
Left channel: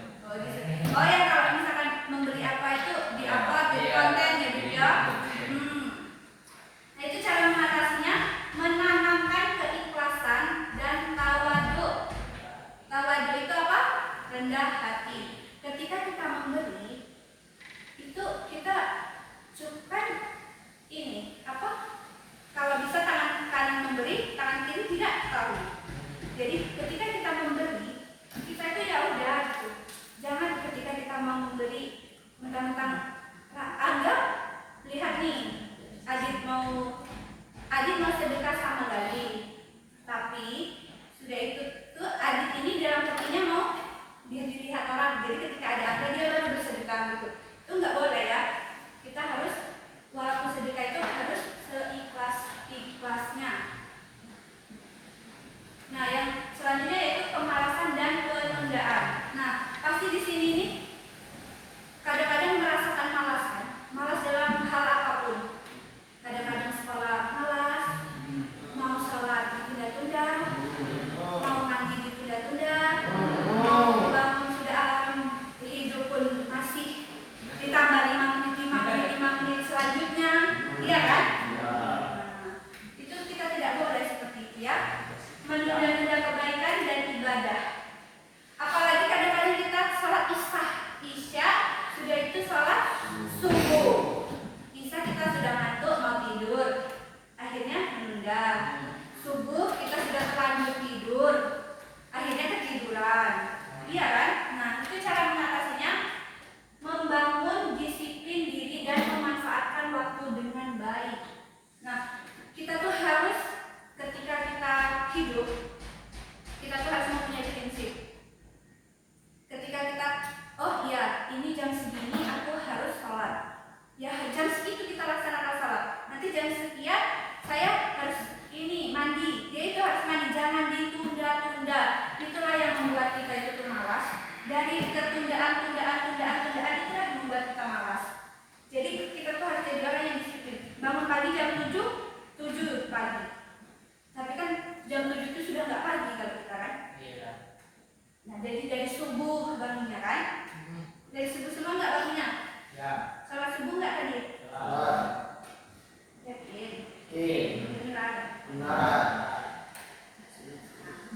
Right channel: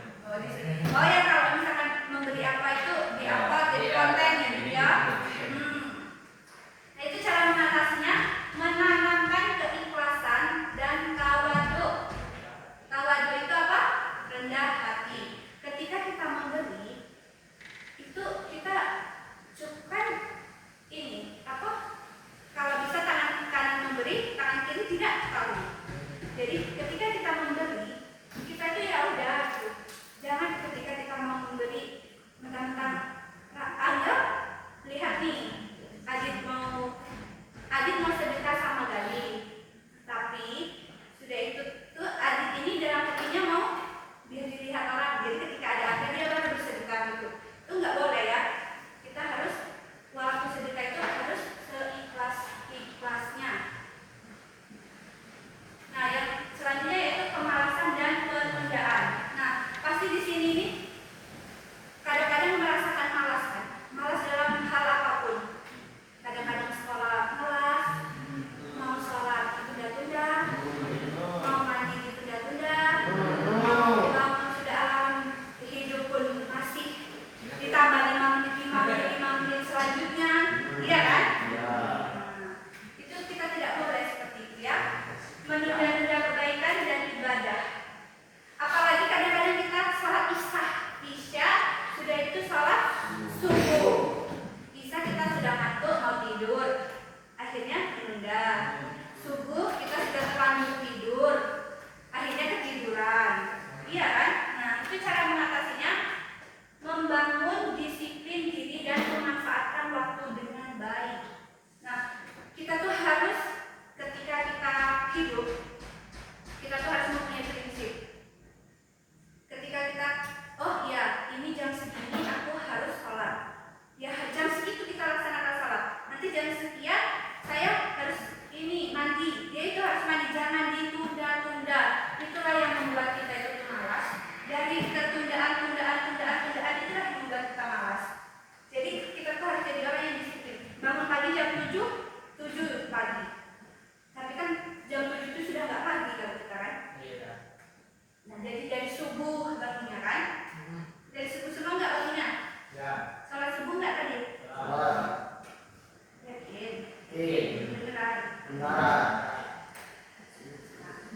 Oh ya, kalau misalkan memberi apa itu di apa jadi kontennya dia. Nah itu cara mengatasinya, menanamkan keikhlasan dan tawadu. Tawadu itu apa? Rendah hati. Ketika kita memberi, itu kita cukupkan ini apa? Kalau bisa tangan kanan memberi, tangan kiri tidak tahu. Jadi ketika kita memberi, kita itu ya udah gitu. Jangan ketika kita mau memberi mentang-mentang anggap lihat nih, Adit mau sedekah sama Gali, tapi sudah itu tuh Adit ini dalam hatinya mau biar dilihat orang. Jadi ketika ada akhir dia baru bersedekah gitu. Itu nggak boleh ya. Kita harus walaupun sedekah itu harus seikhlas-ikhlasnya. Nah, yang selanjutnya yaitu kemalasan dan penundaan. Nah, pasti di sini nih kadang-kadang merasakan malas kan? Malas dalam hal apapun. Kadang-kadang sekolah malas, mau sholat ditunda-tunda, mau mandi ditunda-tunda, mau bangun sudah alam hidup pun masih ditambah 5 menit selanjutnya, iya kan? Nah, itu kita tidak boleh seperti itu ya. Menunda-nunda kebaikan dan ibadah. Apalagi kadang-kadang kita sholat isya sudah itu sholat subuh. Isya kita sudah ngantuk mau tidur, akhirnya menunda. Subuh kita sudah terlanjur tidur, akhirnya ketiduran. Iya kan? Nah itu cara mengatasinya, membangun disiplin diri dan memanfaatkan waktu dengan baik. Nah kita tuh harus ketika kita hidup, kita tuh harus mempunyai prinsip. Ketika kita, oh ya ini jam segini aku harus sholat, ya jam segitu kita laksanakan sholat. Nanti jam sekian saya harus ini mandi, dia itu harus mandi, jangan ditunda-tunda. Itulah yang membuat kita itu malas. Dari ketundaan pagi jam 7 pagi. Tapi kan jam 7 itu sudah nggak pagi kalau kita kan. Iya. Nah jadi dari subuh bangunnya kan. Dari subuh semua nggak bangunnya? Ya. Sholat subuh nggak tadi? Salah. Yakin? Oke. Beneran. Benar.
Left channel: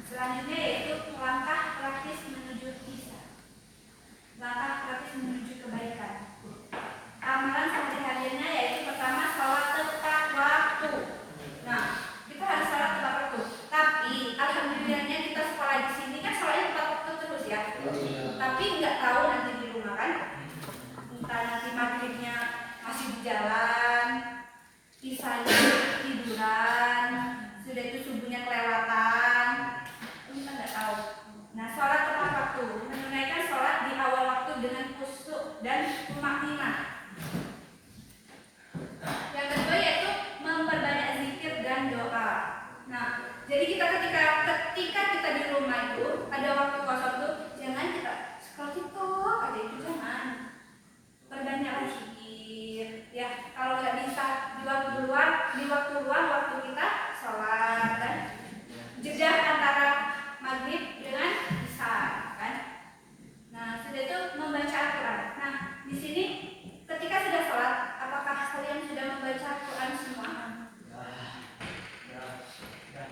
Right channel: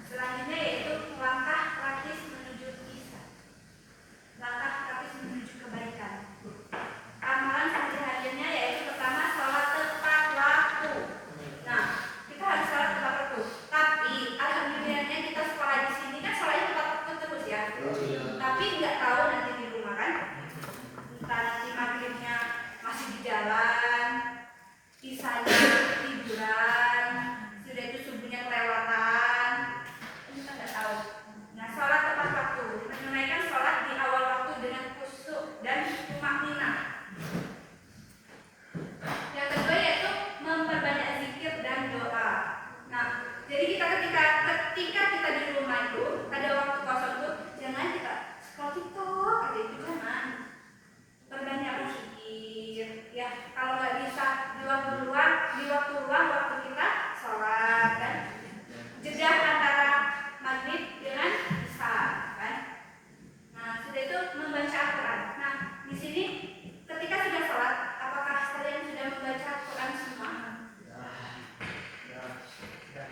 Selanjutnya yaitu langkah praktis menuju ihsan. Langkah praktis menuju kebaikan. Amalan sehari-harinya yaitu pertama sholat tepat waktu. Nah, kita harus sholat tepat waktu. Tapi alhamdulillahnya kita sekolah di sini kan sholatnya tepat waktu terus ya. Tapi nggak tahu nanti di rumah kan. Entah nanti maghribnya masih di jalan, isanya tiduran, sudah itu subuhnya kelewatan. Kita nggak tahu. Nah, sholat tepat waktu, menunaikan sholat di awal waktu dengan khusyuk dan tumakninah. Yang kedua yaitu memperbanyak zikir dan doa. Nah, jadi ketika kita di rumah itu ada waktu kosong tuh jangan kita scroll TikTok aja, itu jangan. Perbanyaklah zikir. Ya, kalau nggak bisa di waktu luang waktu kita sholat kan. Jeda antara maghrib dengan isya kan. Nah, sudah itu membaca Al-Quran. Nah, di sini ketika sudah sholat, apakah kalian sudah membaca Al-Quran semua?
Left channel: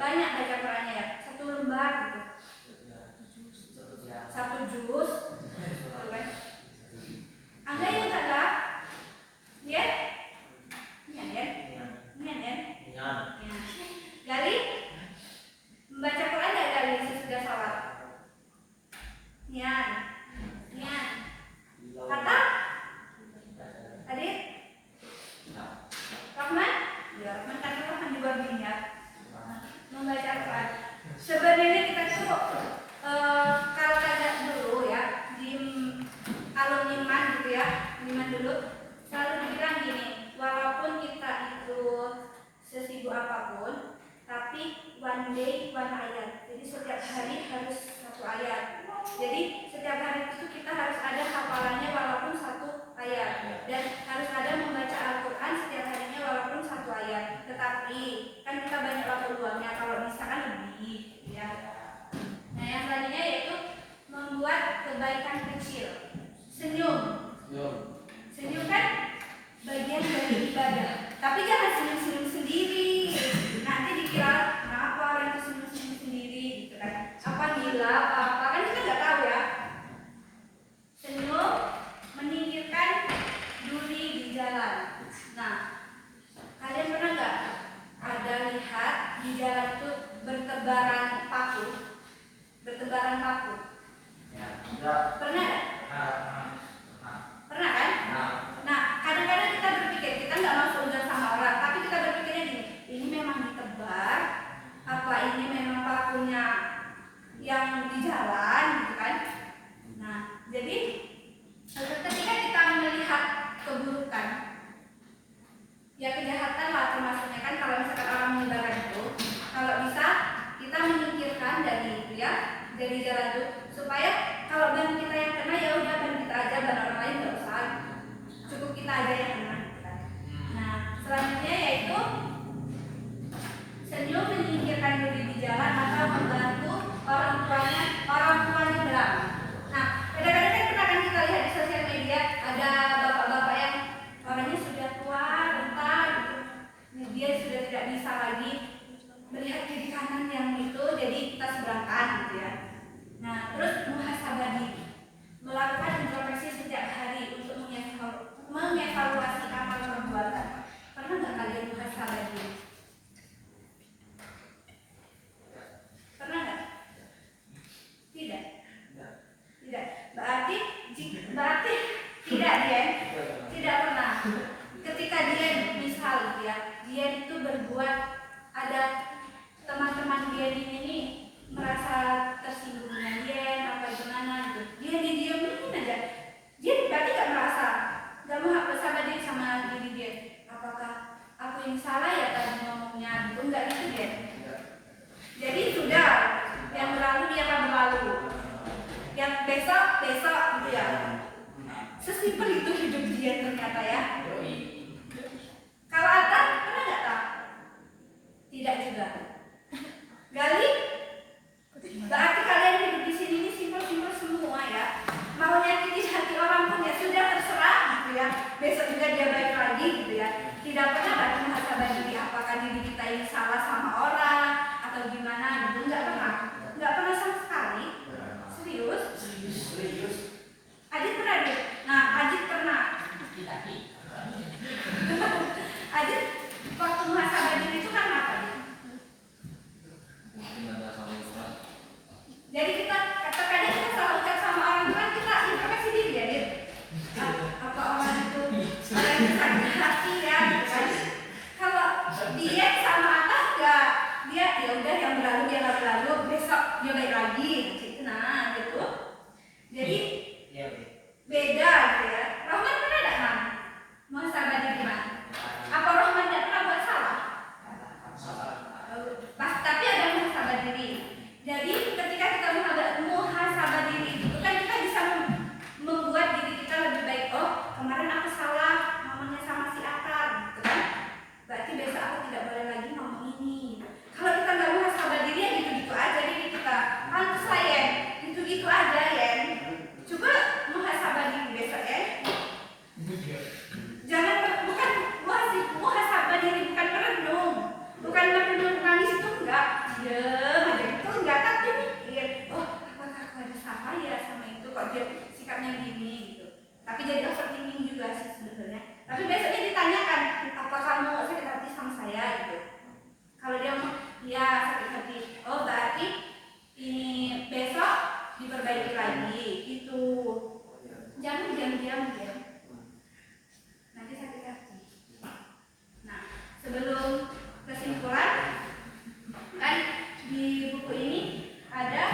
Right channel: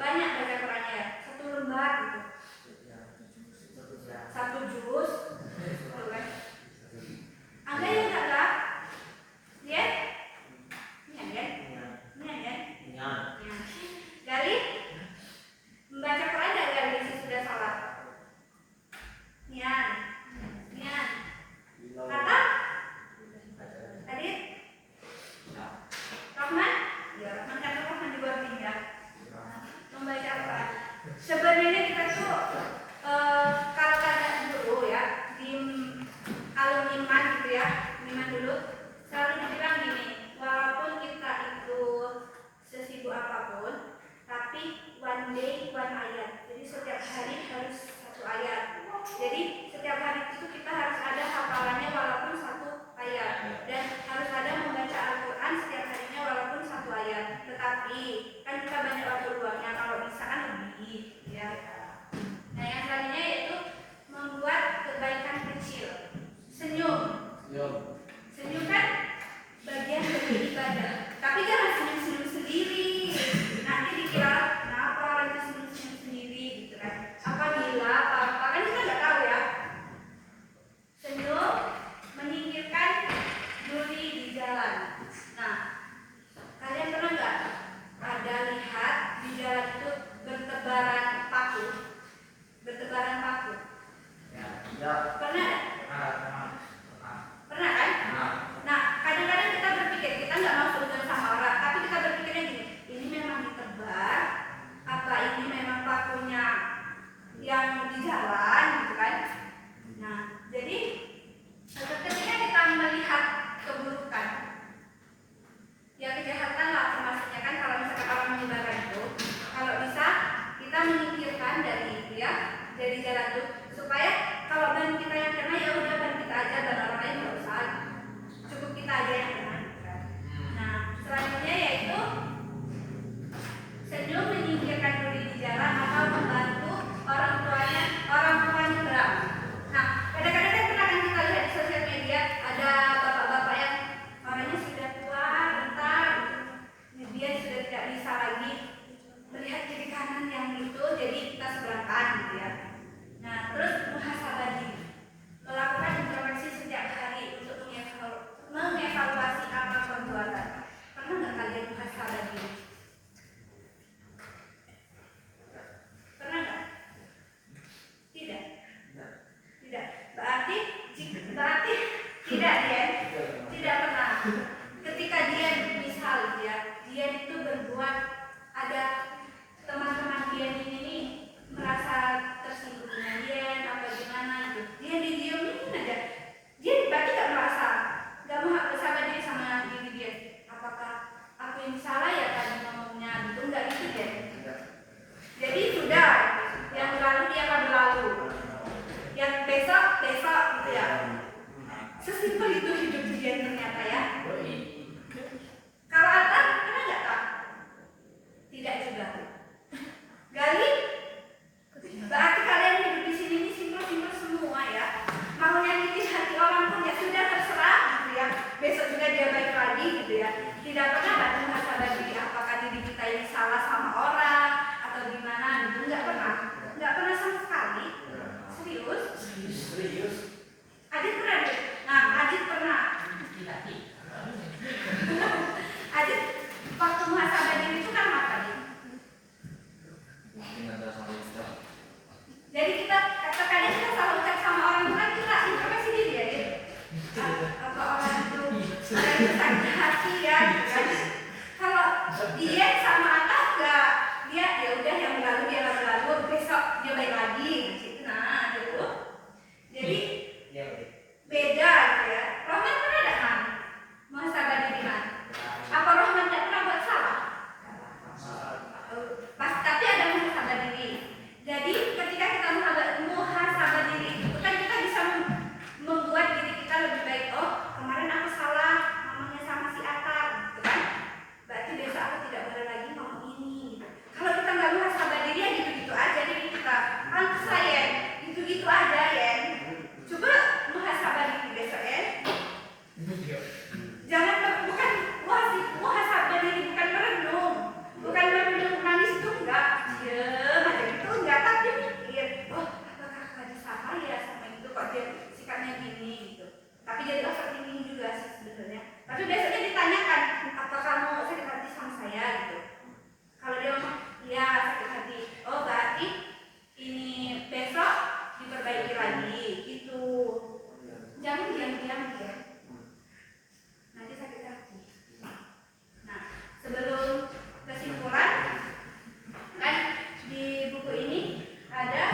Banyak baca Qurannya ya, 1 lembar gitu, 1 juz, gitu kan. Ada yang kagak? Ya? Gali? Membaca Quran gak Gali sesudah sholat? Nian. Kata? Adit? Rahman? Ya, Rahman kata Rahman juga ya. Membaca Al-Quran. Sebenarnya kita tuh kalau kagak dulu ya di alumni iman gitu ya, iman dulu selalu dibilang gini, walaupun kita itu sesibuk apapun, tapi one day one ayat. Jadi setiap hari harus 1 ayat. Jadi setiap hari itu kita harus ada hafalannya walaupun 1 ayat, dan harus ada membaca Al-Quran setiap harinya walaupun 1 ayat. Tetapi kan kita banyak waktu luangnya, kalau bisa kan lebih ya. Nah, yang selanjutnya yaitu membuat kebaikan kecil. Senyum kan bagian dari ibadah. Tapi jangan senyum-senyum sendiri. Nanti dikira kenapa orang senyum-senyum sendiri gitu kan. Apa gila, apa kan kita nggak tahu ya. Senyum menyingkirkan duri di jalan. Nah, kalian pernah nggak ada lihat di jalan itu bertebaran paku? Pernah nggak? Pernah kan? Nah, kadang-kadang kita berpikir, kita nggak mau seuzon sama orang, tapi kita berpikirnya gini, ini memang ditebar, apa ini memang pakunya yang di jalan gitu kan? Nah, jadi ketika kita melihat keburukan, ya kejahatan lah termasuknya kan, kalau misalkan orang menyebarkan itu, kalau bisa kita menyingkirkan dari itu ya, dari jalan itu, supaya kalau ban kita yang kena ya udah ban kita aja, ban orang lain nggak usah, cukup kita aja yang kena. Nah, selanjutnya yaitu senyum menyingkirkan diri di jalan atau membantu orang tuanya berang. Nah, kadang-kadang kan pernah kan kita lihat di sosial media ada bapak-bapak yang orangnya sudah tua, rentan, gitu. Dia sudah tidak bisa lagi melihat kiri kanan yang itu, jadi kita seberangkan gitu ya. Nah, terus muhasabah diri, melakukan introspeksi setiap hari untuk mengevaluasi amal perbuatan. Pernah nggak kalian muhasabah diri? Pernah nggak? Tidak. Berarti tidak dia tidak pernah. Ketika dia misal dia itu berbuat, ada teman-teman dia ini merasa tersinggung dengan dia apa gimana gitu, dia didiamin aja, dia berarti nggak merasa, nggak mau bersama diri sama diri dia, apakah aku yang salah ya tadi ngomongnya gitu, nggak gitu deh. Jadi sudah yang berlalu biarlah berlalu, yang besok gitu ya. Sesimpel itu hidup dia ternyata ya. Kalau Alta tidak pernah kan muhasabah diri apakah diri kita ini salah sama orang atau gimana gitu, nggak pernah sama sekali. Serius? Serius. Adit pernah deh. Nah, Adit pernah. Adit waktu muhasabah diri itu kan apa nih? Mungkin ada sama Ustaz. Jadi kita kadang kita salah ucap sama orang itu kan kita introspeksi diri ya, Dit. Apa orang itu ada yang sakit hati ya, gitu kan? Kalau dia sama atas enggak, dia ya udah yang berlalu dia lalu, besok dia baik lagi, gitu. Nah, gitu. Jadi Ya, beda gitu ya. Rohman pernah ada kan? Muhasabah diri man. Apa Rohman tidak pernah buat salah? Tapi ada muhasabah diri. Jadi ketika kita muhasabah diri itu kan kita bisa membuat diri kita lebih baik. Oh, kemarin aku salah ngomongnya sama si Atar, gitu kan? Berarti besok aku tidak boleh lagi ngomong ini. Gitu. Kalau kita nggak muhasabah diri ya gitu-gitu aja diri kita. Pantes saya gitu-gitu aja ya. Coba muhasabah diri besok ya. Jangan bukan muhasabah diri bukan merenung nangis itu enggak. Ya, aja itu enggak, tapi mikir, oh apakah aku ada salah ya sama itu kok dia sikapnya gini gitu. Tapi jadi overthinking juga sih sebenarnya. Tapi besoknya ditanyakan, apa kamu sakit hati sama saya gitu. Kalau dia ngomong, iya sakit hati. Oh berarti ini besok diperbaiki lagi gitu. Jangan diam-diam ya. Nanti sakit hati. Nah, sebelum kesimpulan, kan di buku ini ada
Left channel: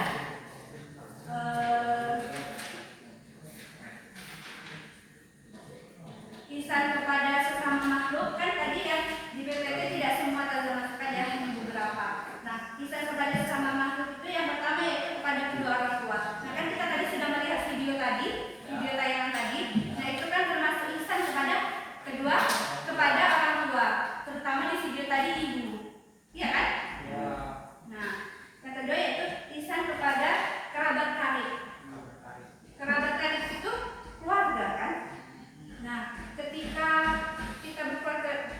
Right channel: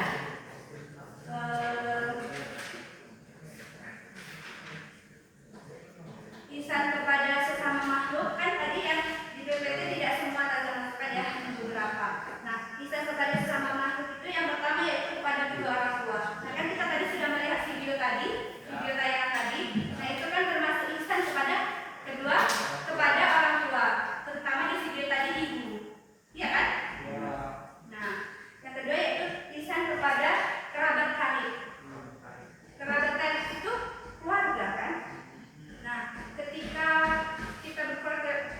ihsan kepada sesama makhluk. Kan tadi yang di PPT tidak semua termasukkan ya, hanya beberapa. Nah, ihsan kepada sesama makhluk itu yang pertama yaitu kepada kedua orang tua. Nah, kan kita tadi sudah melihat video tayangan tadi. Nah, itu kan termasuk ihsan kepada orang tua, terutama di video tadi ibu. Iya kan? ya. Nah, yang kedua yaitu ihsan kepada kerabat karib. Kerabat karib itu keluarga kan? Nah, ketika kita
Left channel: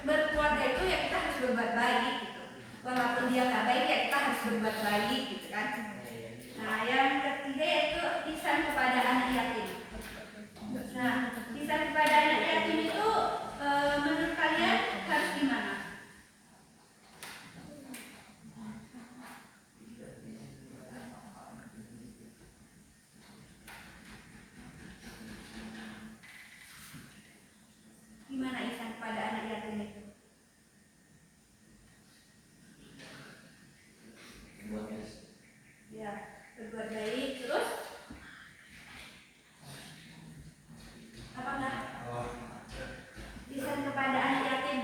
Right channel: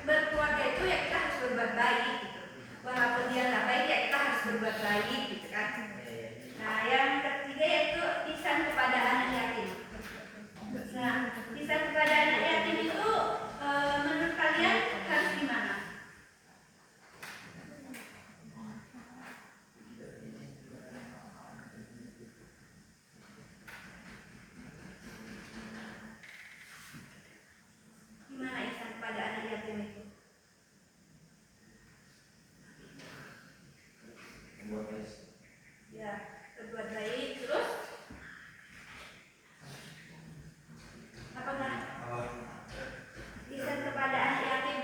berkeluarga itu ya kita harus berbuat baik gitu. Walaupun dia nggak baik ya kita harus berbuat baik gitu kan? Nah, yang ketiga yaitu ihsan kepada anak yatim. Nah, ihsan kepada anak yatim itu menurut kalian harus gimana? Gimana ihsan kepada anak yatim itu? Buat guys. Ya, berbuat baik terus apa enggak? Ihsan kepada anak yatim,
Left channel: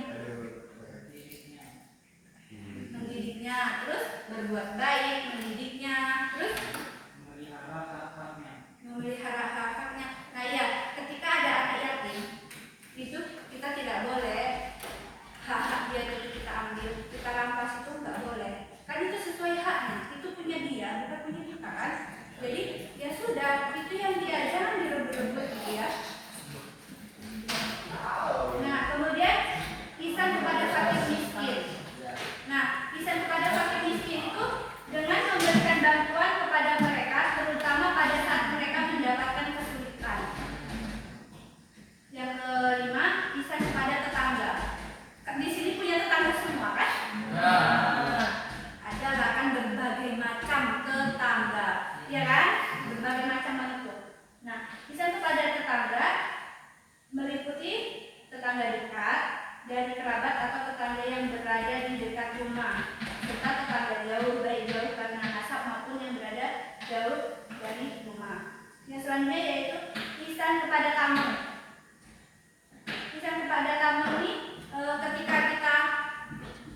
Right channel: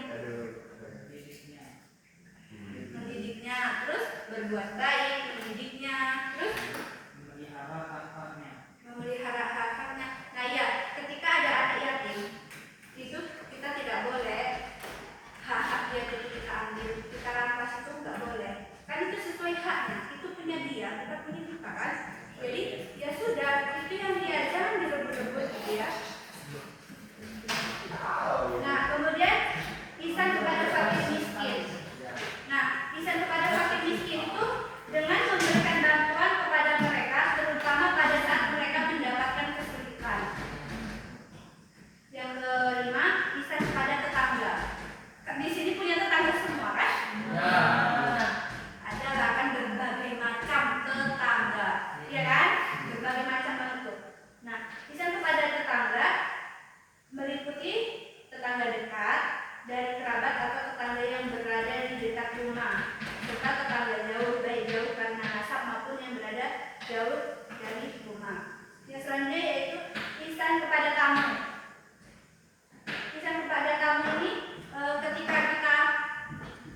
mendidiknya, terus berbuat baik, mendidiknya, terus memelihara hak-haknya. Nah ya, ketika ada anak yatim itu kita tidak boleh hak-hak dia dari kita ambil, kita rampas, itu nggak boleh. Kan itu sesuai haknya, itu punya dia, bukan punya kita kan. Jadi ya sudah, itu yang dia, jangan direbut-rebut gitu ya. Nah, kemudian ihsan kepada fakir miskin. Nah, ihsan kepada fakir miskin itu dengan memberikan bantuan kepada mereka, terutama pada saat mereka mendapatkan kesulitan. Yang kelima, ihsan kepada tetangga. Di sini punya tetangga semua kan? Ya. Nah, ada bahkan berbagai macam tetangga, ya kan? Berbagai macam bentuk. Nah, ihsan kepada tetangga meliputi tetangga dekat, dari kerabat atau tetangga yang berada di dekat rumah, serta tetangga jauh, baik jauh karena nasab maupun yang berada jauh dari rumah. Yang selanjutnya yaitu ihsan kepada tamu. Ihsan kepada tamu ini ketika kita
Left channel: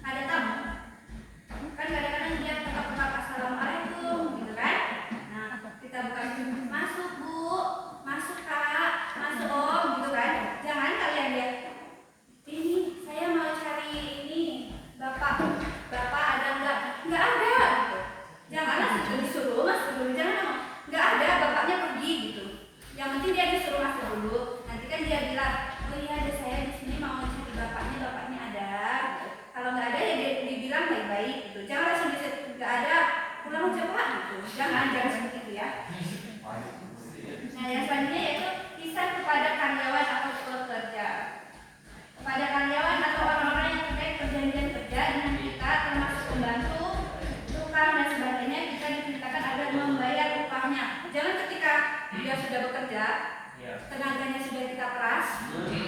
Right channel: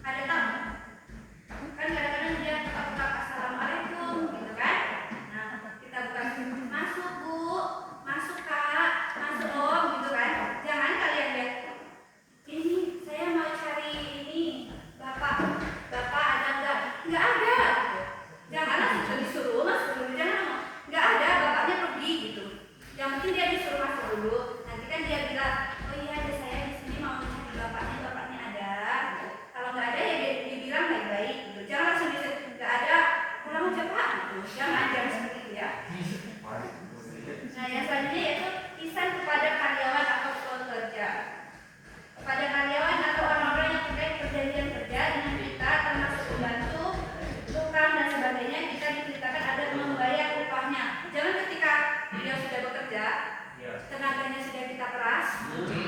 ada tamu, kan kadang-kadang dia ketok-ketok assalamualaikum gitu kan. Nah, kita bukan masuk bu, masuk kak, masuk om gitu kan. Jangan kalian lihat, ini saya mau cari ini bapak ada nggak ada gitu. Janganlah kita disuruh masuk dulu, jangan ngomong nggak ada, bapaknya pergi gitu. Yang penting dia disuruh masuk dulu. Nanti kan dia bilang, oh iya ada saya di sini mau cari bapaknya yang selanjutnya yaitu ihsan kepada karyawan atau pekerja. Kepada karyawan atau orang-orang yang terkait perjanjian kerja dengan kita, termasuk pembantu, tukang dan sebagainya, kita diperintahkan agar membayar upahnya. Jangan ketika dia sudah bekerja, tenaganya sudah kita peras,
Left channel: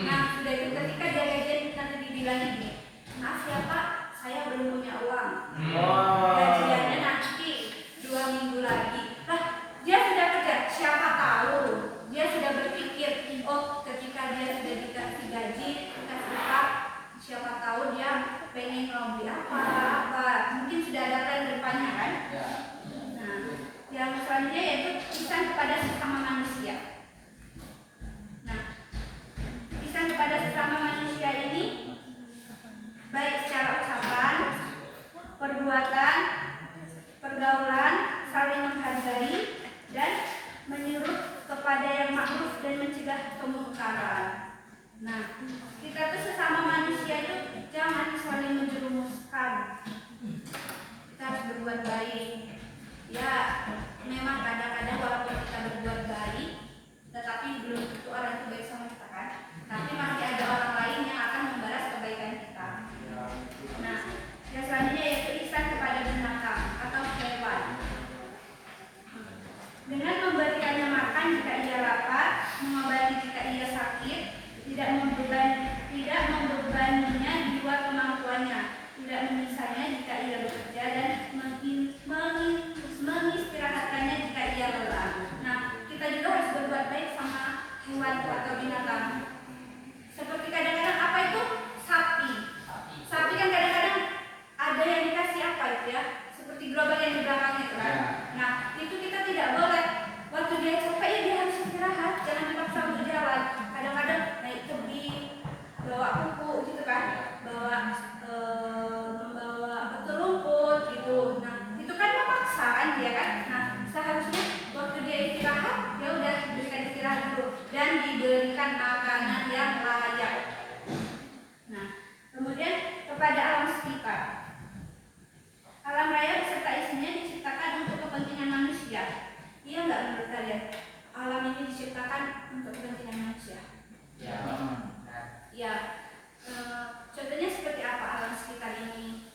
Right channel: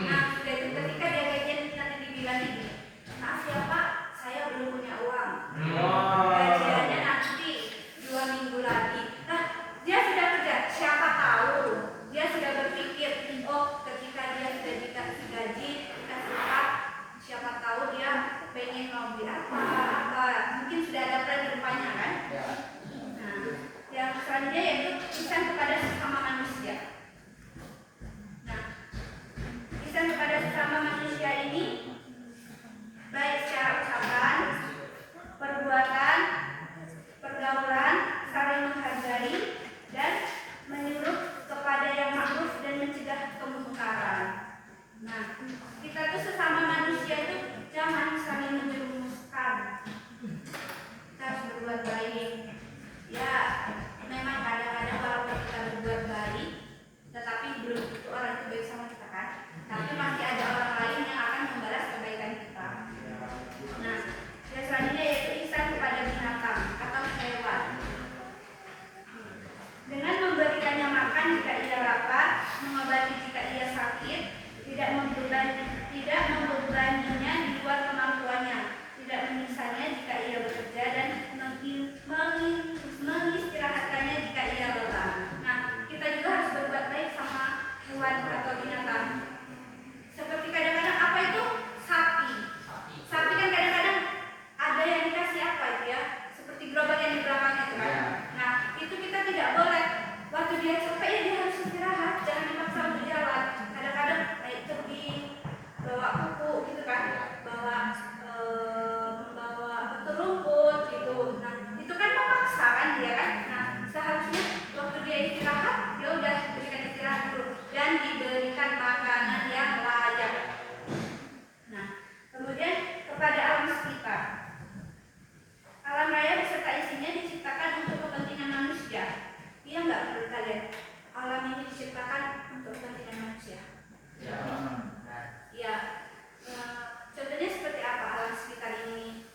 nah sudah itu ketika dia gajian nanti dibilang gini, maaf ya Pak, saya belum punya uang. Gajiannya nanti 2 minggu lagi. Nah, dia sudah kerja, siapa tahu dia sudah berpikir, oh ketika dia sudah dikasih gaji, dikasih upah, siapa tahu dia pengen mau beli apa, mungkin sudah ada plan depannya kan? Nah, yang selanjutnya yaitu ihsan kepada sesama manusia. Nah, ihsan kepada sesama manusia ini baik secara ucapan, perbuatan, pergaulan, saling menghargai dan menyuruh kepada yang ma'ruf dan mencegah kemungkaran. Nah, kita tuh sesama manusia itu jangan saling menjerumuskan. Kita harus berbuat baik. Ya, memang kadang-kadang walaupun kita berbuat baik, tetapi belum tentu orang itu baik sama kita kan. Tapi masih ada orang lain yang akan membalas kebaikan kita. Nah, yang selanjutnya yaitu ihsan kepada binatang atau hewan. Dengan memberikannya makan jika ia lapar, mengobati jika ia sakit, tidak membebaninya di luar kemampuannya, tidak menyiksanya jika ia bekerja dan mengistirahatkannya jika ia lelah. Nah, kita juga harus berbuat baik sama hewan atau binatang. Seperti kadang-kadang apa itu? Sapi. Sapi kan kadang-kadang ada yang dikasih apa itu ya? Seperti gerobak yang di belakangnya itu kan. Nah, itu kita tidak boleh. Waktu dia capek ya dia harus istirahat, jangan dipaksa untuk jalan. Kadang-kadang naik tebing, bawa kuku gitu kan, membawa rumput gitu. Nah, itu kan memaksa kan dia kan. Nah, seharusnya waktu dia istirahat, dia udah berikan istirahat dulu dan diberikan makanan yang layak. Nah, kemudian kepada alam sekitar. Alam raya beserta isinya diciptakan untuk kepentingan manusia. Iya nggak menurut kalian? Alam ini diciptakan untuk kepentingan manusia. Ya. Contohnya seperti apa alam sekitar ini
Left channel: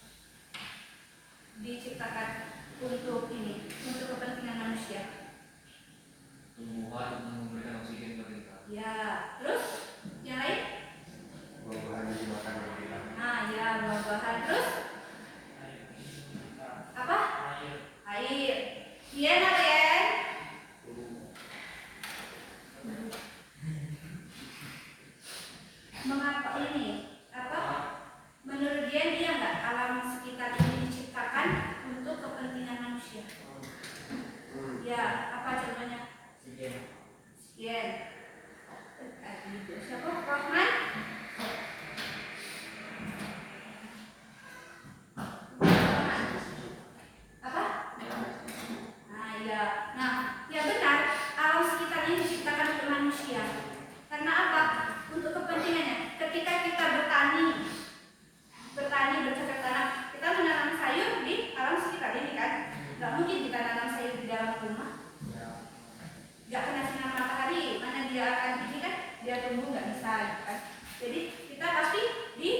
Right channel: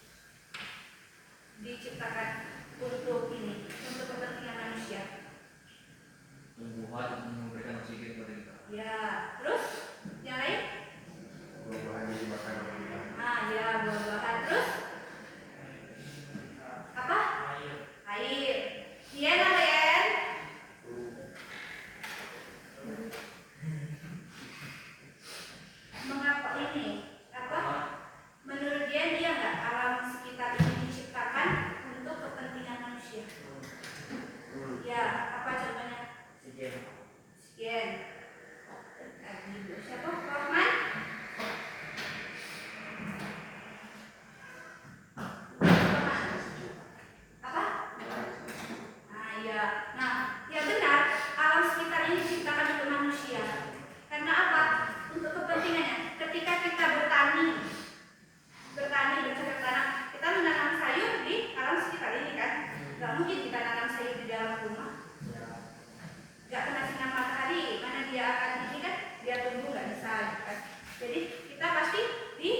diciptakan untuk ini, untuk kepentingan manusia? Tumbuhan yang memberikan oksigen kepada kita. Ya. Terus yang lain? Buah-buahan yang dimakan oleh kita. Ah ya, buah-buahan. Terus apa? Air. Iya kalian? Mengapa ini? Apa? Menurut dia nggak alam sekitar ini diciptakan untuk kepentingan manusia? Ya, apa contohnya? Sekian. Siapa? Rahman? Apa? Nah, ya. Nah, ya benar, alam sekitar ini diciptakan untuk manusia. Karena apa? Untuk kepentingannya. Ketika kita bertani bercocok tanam, kita menanam sayur di alam sekitar ini kan? Gak mungkin kita nanam sayur di dalam rumah. Gak kena sinar matahari, mana dia akan ini kan? Dia tumbuh nggak bisa kan? Jadi kita pasti di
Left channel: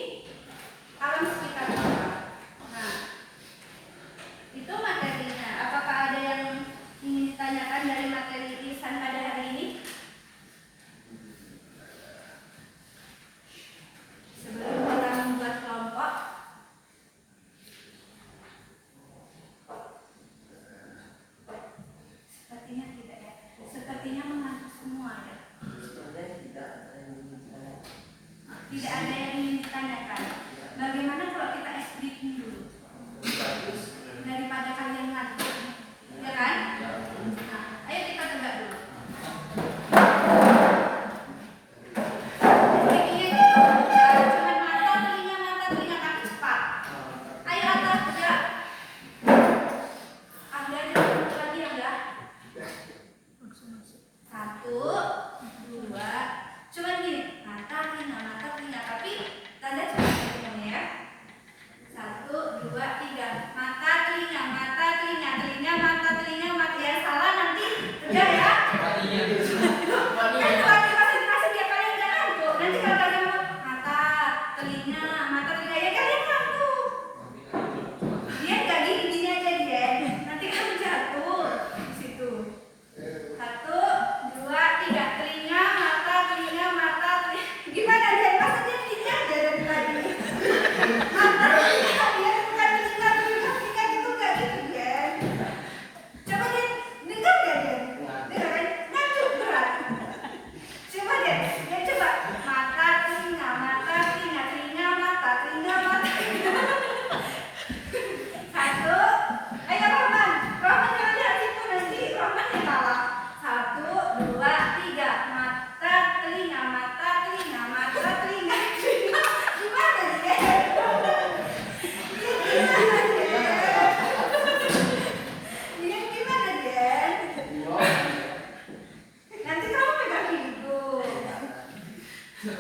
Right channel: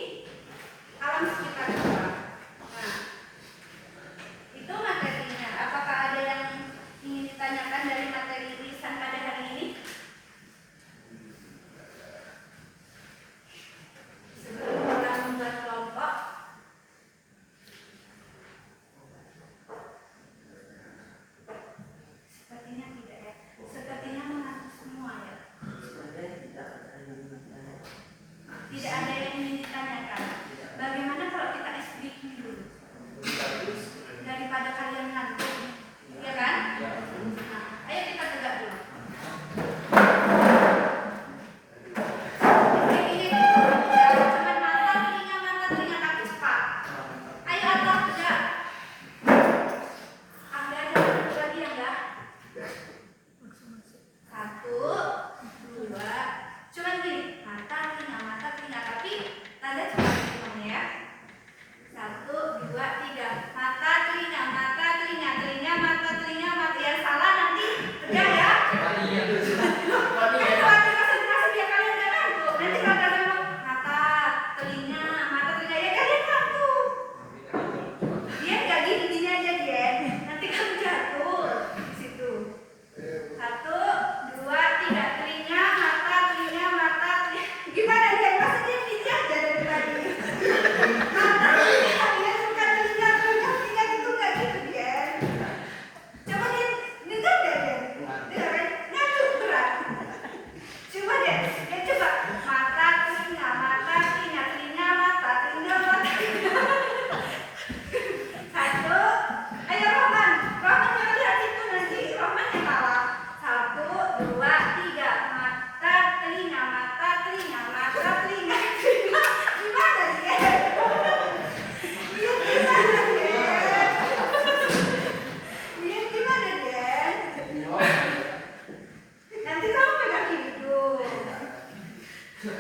alam sekitar kita. Nah, itu materinya. Apakah ada yang ingin ditanyakan dari materi lisan pada hari ini? Sebelum kita membuat kelompok, sepertinya tidak ya. Sepertinya mengantuk semua ya. Tidak ada yang ingin ditanyakan. Bagaimana kalau kita SBQ dulu? Daripada kalian ngantuk, ya kan? Nah, ayo kita tegak dulu. Cuman mata telinga kaki cepat. Ayo atas tegak. Anda ada satu lagi yang enggak? 1, 2. Cuman gini, mata telinga, tapi tanda cepat ngomongnya ya. Nanti kalau kalian mau mata telinga ya kalian satu. Dia nggak gini aja dia. Nanti kamu jatuh di situ. 1, 2, 3 telinga, mata. Gimana dia? Masa dia gini aja dari tadi? Mata telinga dia bukan telinga gitu nggak gitu dia. Coba dia dengar nggak dia? Dengar kan? Ngantuk berat. Coba dia coba mata telinga, telinga mata. 1, ayo Roman jangan lihat situ nanti Roman yang kalah. 1, 2, 3 mata telinga. Gimana dia? Dia gimana dia? Nanti kamu pegang gitu. 1,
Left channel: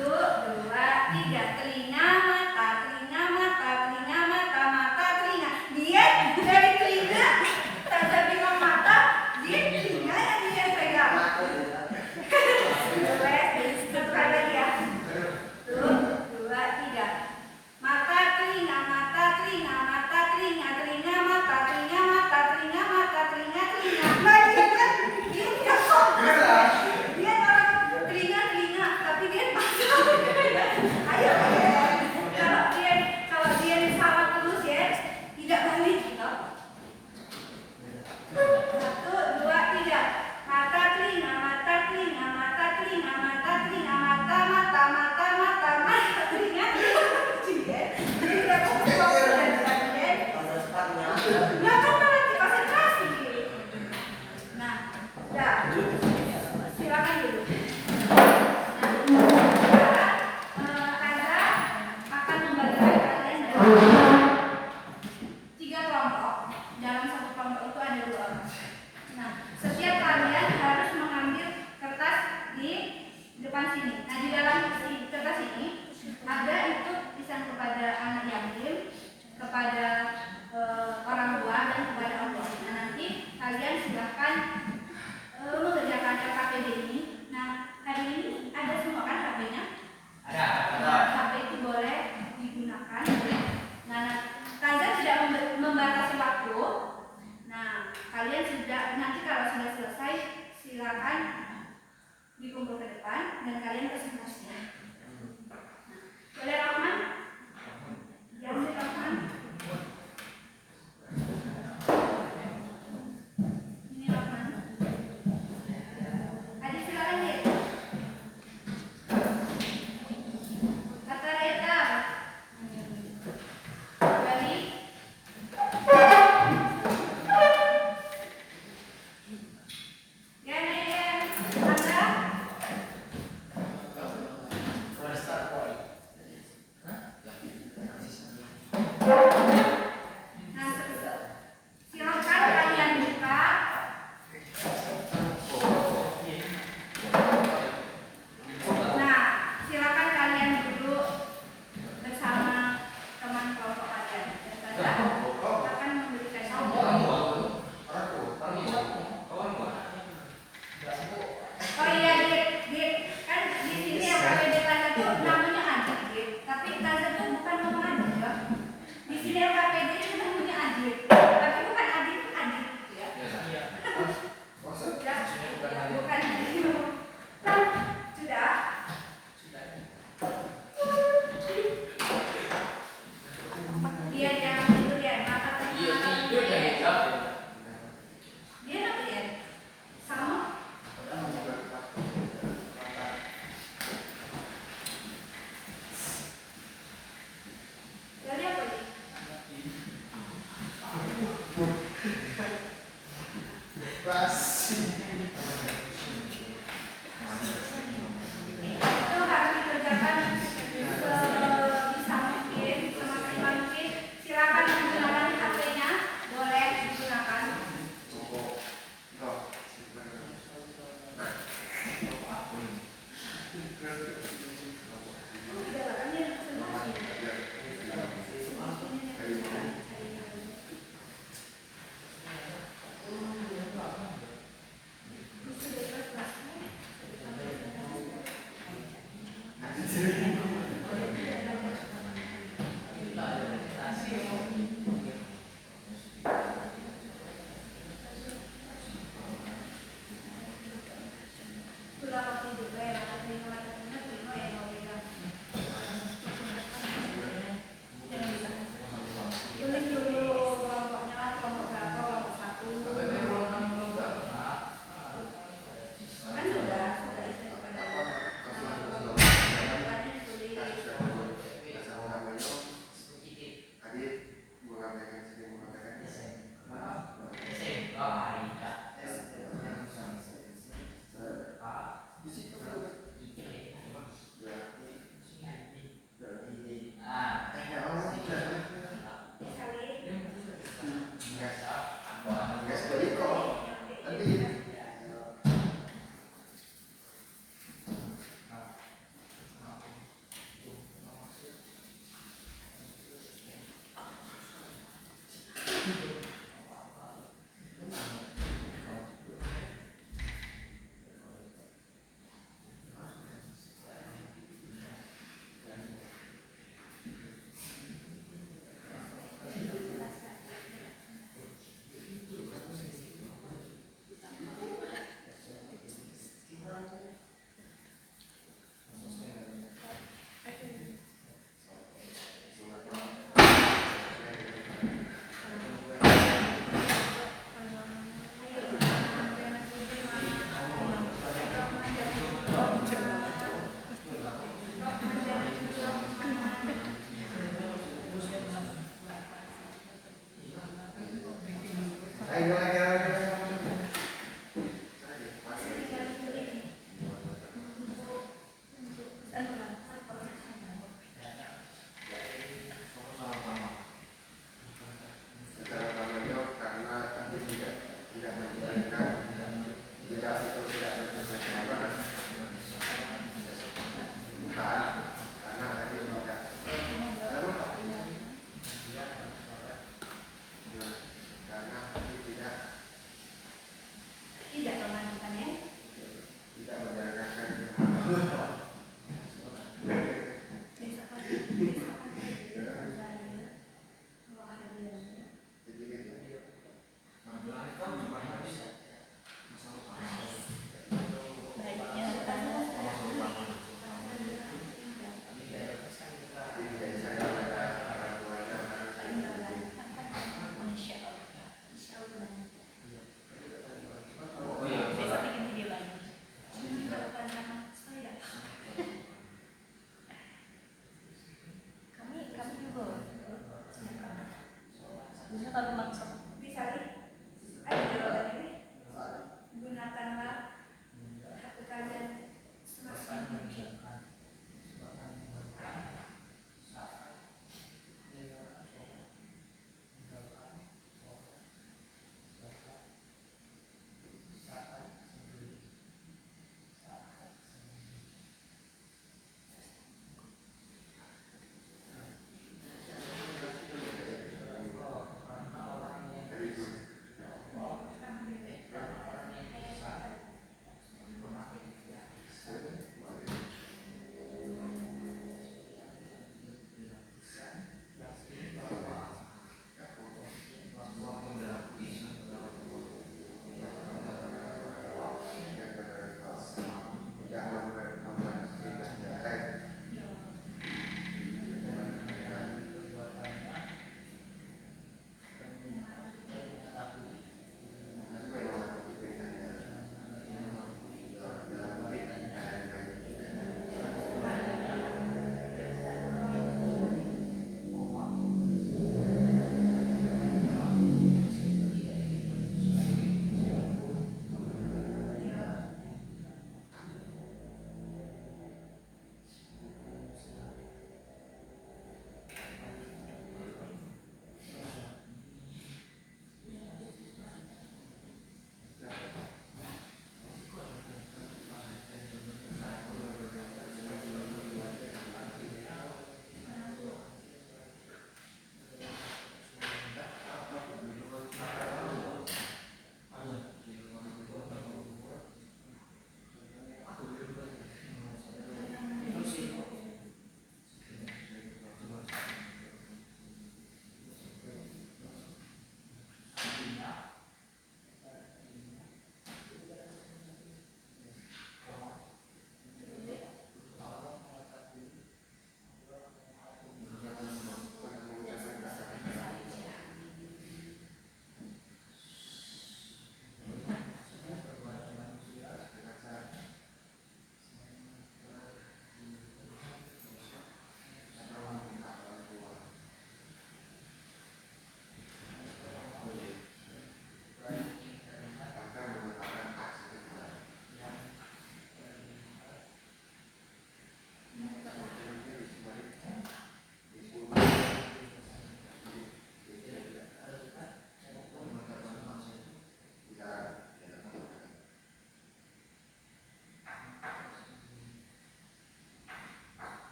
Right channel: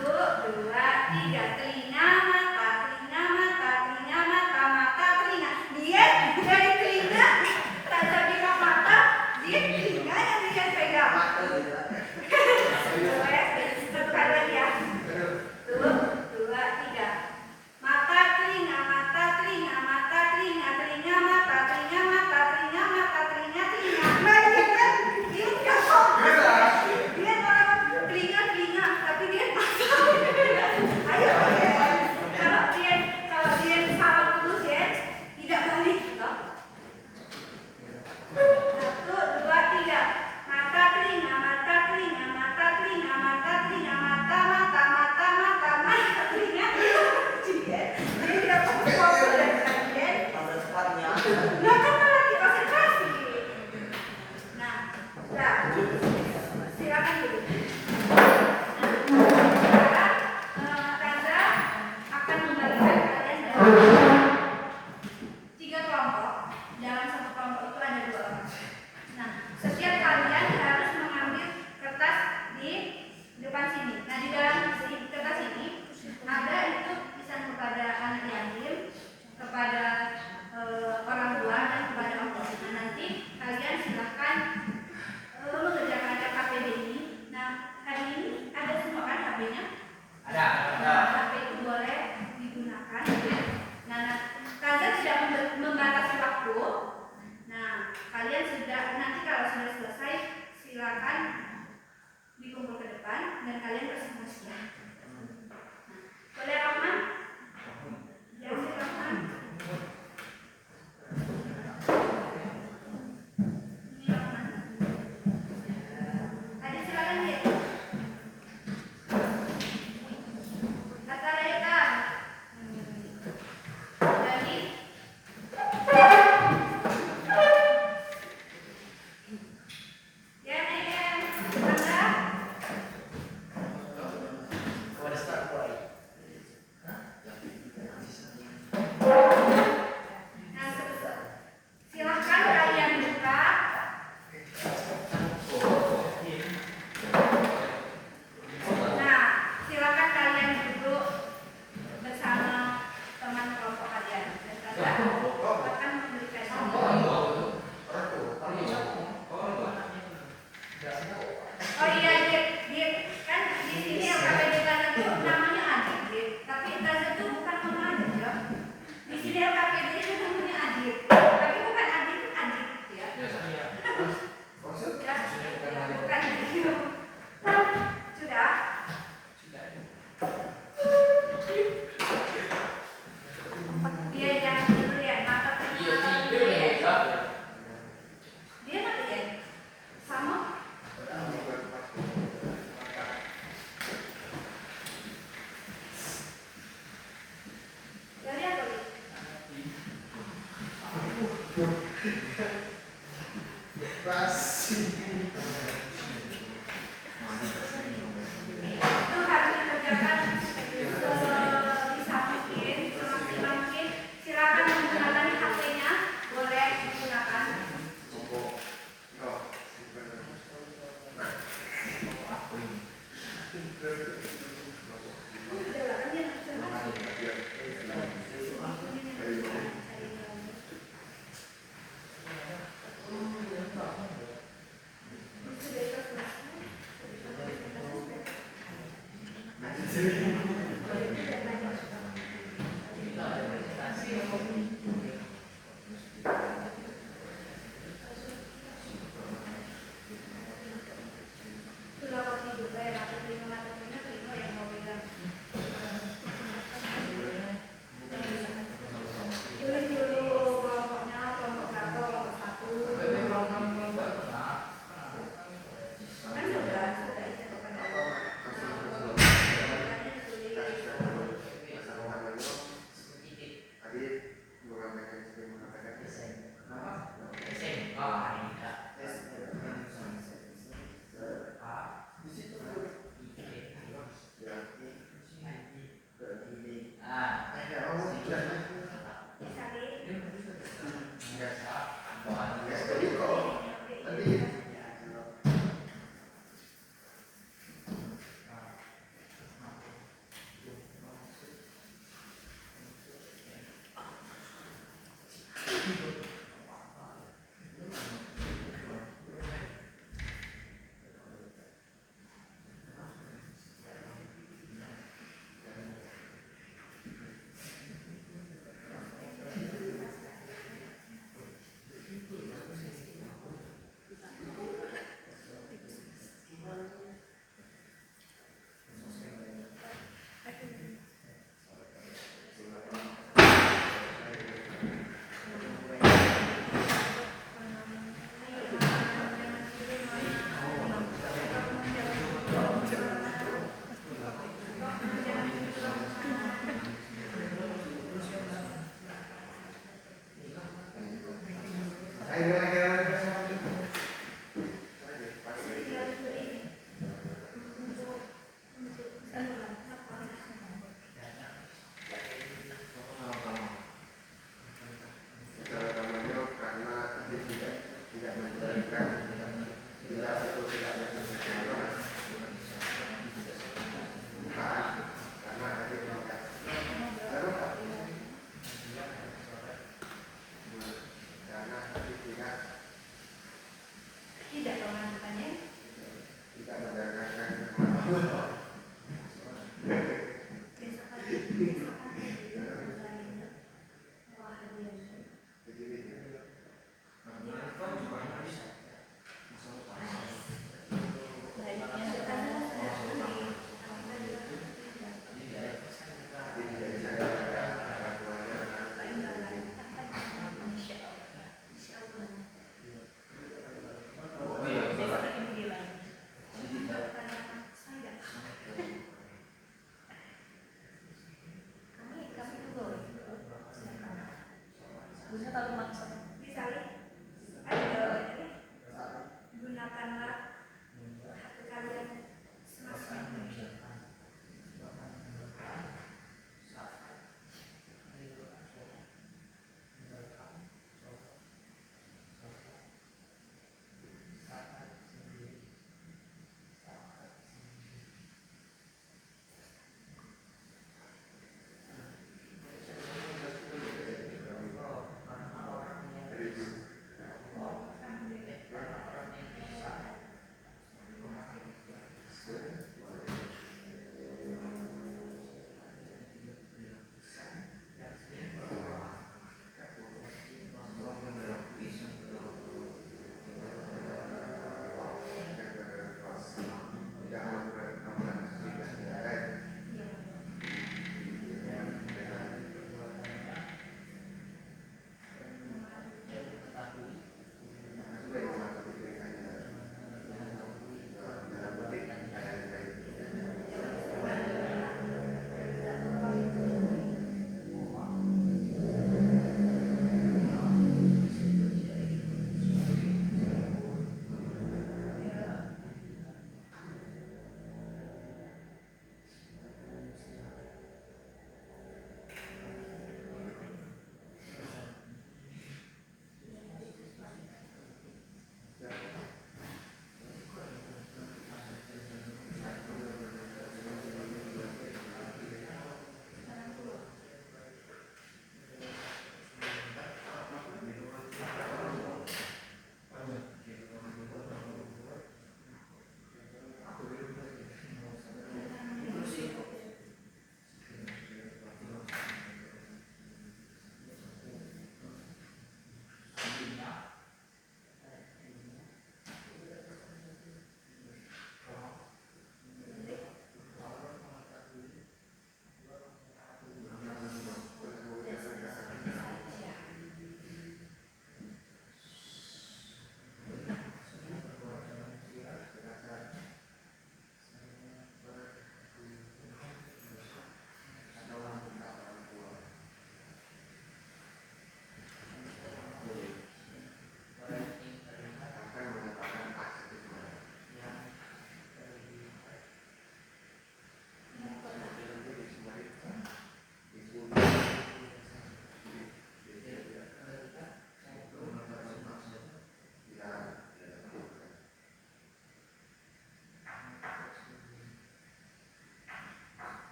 2, 3 telinga, mata. Dia dari telinga, tak bilang mata, dia telinga yang dia pegang. Coba ya, satu kali lagi ya. 1, 2, 3 mata, telinga, Nah, dia kan, dia nggak fokus. Dia orang telinga, tapi dia mata. Ayo ya. Kalau dia salah terus ya, tidak balik gitu. 1, 2, 3 mata, telinga, dia tidak fokus dari tadi ya. Nah, kan malah konsentrasi. Nah, udah. Silakan dulu. Sekarang Tanda akan membagikan kalian dalam 3 kelompok. Dalam satu kelompok itu ada 2 orang. Nah, setiap kalian harus mengambil kertas di depan sini. Nah, di dalam kertas ini ada itu tulisan kepada anak yatim, kepada orang tua dan kepada Allah. Nah, nanti kalian silahkan mengerjakan KKPD ini. Nah, hari ini ada semua kan HP-nya? Ada. HP itu boleh digunakan. Nah, kalian tidak membatasi waktu. Nah, kalian nanti kalau sudah selesai silakan dikumpul ke depan dan kalian presentasi. Nah, boleh Rahman? Ya, Rahman. Ini Rahman. Adik silakan ya. Kata Reda. Dari silahkan kalian buka. Nah, silakan kalian duduk bersama teman kelompok kalian. Dan Tanda akan memberikan Oh iya, Dit. Kan di sini LKPD kelas itu namanya Adit. Tapi Tanda itu bukan nama Adit ya. Di sini LKPD itu namanya Adit. Tapi bukan Adit ya. Sudah, bukan itu. Sudah. Dia yang itu ya, mata telinga. Dia apa ya? Sama. Dari apa nih? Itu harus dikerjakan sebisa mungkin, semaksimal mungkin. Silakan menggunakan HP-nya, boleh digunakan. Tulis dulu kelompoknya, kelompok 1, kelompok 1. Kan sudah isi kepada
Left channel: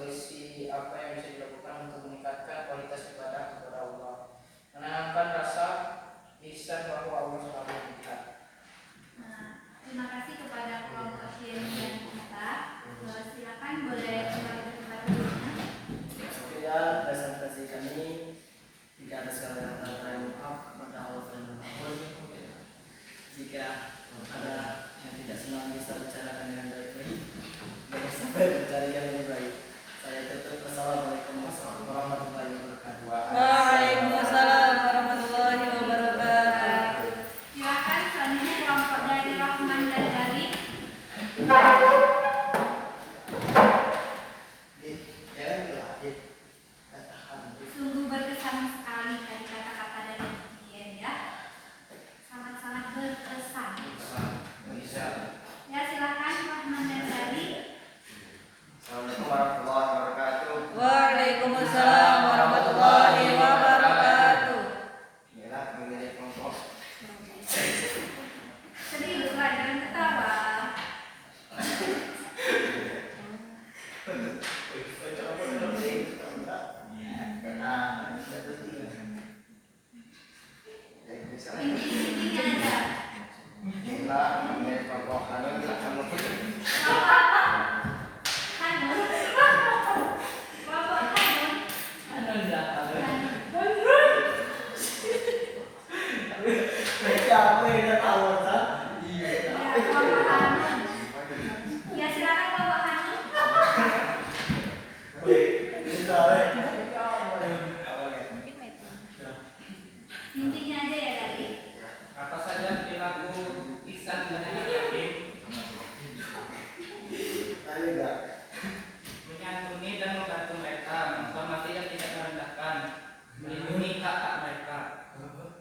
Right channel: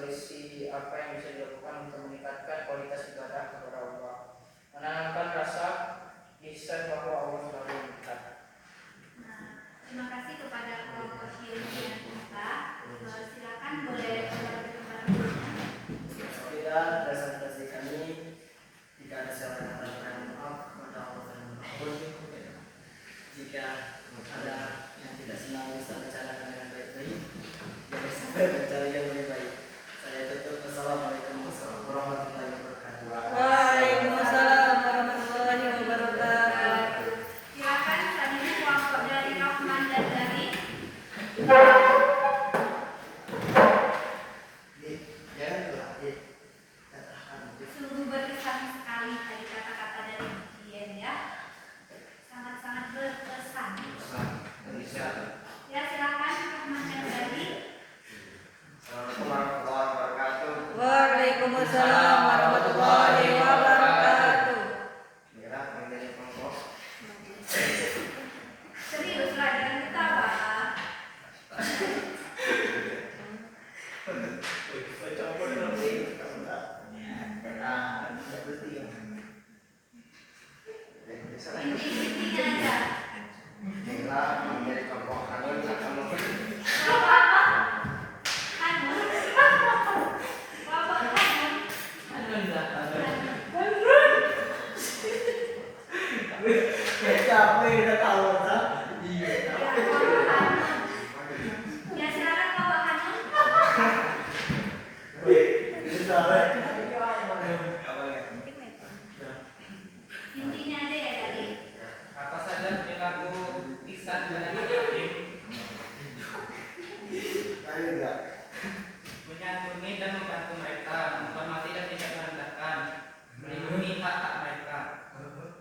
solusi apa yang bisa dilakukan untuk meningkatkan kualitas ibadah kepada Allah, menanamkan rasa ihsan bahwa Allah selalu melihat. Nah, terima kasih kepada kelompok yang kita. Silakan boleh kembali ke tempat duduknya. Sekian presentasi kami. Jika ada salah kata yang maaf, kepada Allah dan mengampun. Jika ada yang tidak senang bisa bicarakan dengan baik-baik. Jangan sampai mencari yang lebih baik. Saya tutup. Wassalamualaikum warahmatullahi wabarakatuh. Waalaikumsalam warahmatullahi wabarakatuh. Silakan selanjutnya kelompok dari Rahman dan dari sungguh berkesan sekali tadi kata-kata dari Dian ya. Sangat-sangat berkesan. Ya silakan Rahman dan dari. Assalamualaikum warahmatullahi wabarakatuh. Waalaikumsalam warahmatullahi wabarakatuh. Inilah menjadi kelompok. Seriuslah jangan ketawa. Intinya aja. Inilah menjadi kelompok Hanun Hanun. Kelompok apa? Hanun. Kelompok Hanun. Ya, kelompok Hanun. Ya silakan kelompok Hanun. Intinya aja ya dari. Apa saja perilaku ihsan dan yatim? Menyantuni dan membantu mereka, menghormati dan tidak merendahkan, melindungi hak-hak mereka.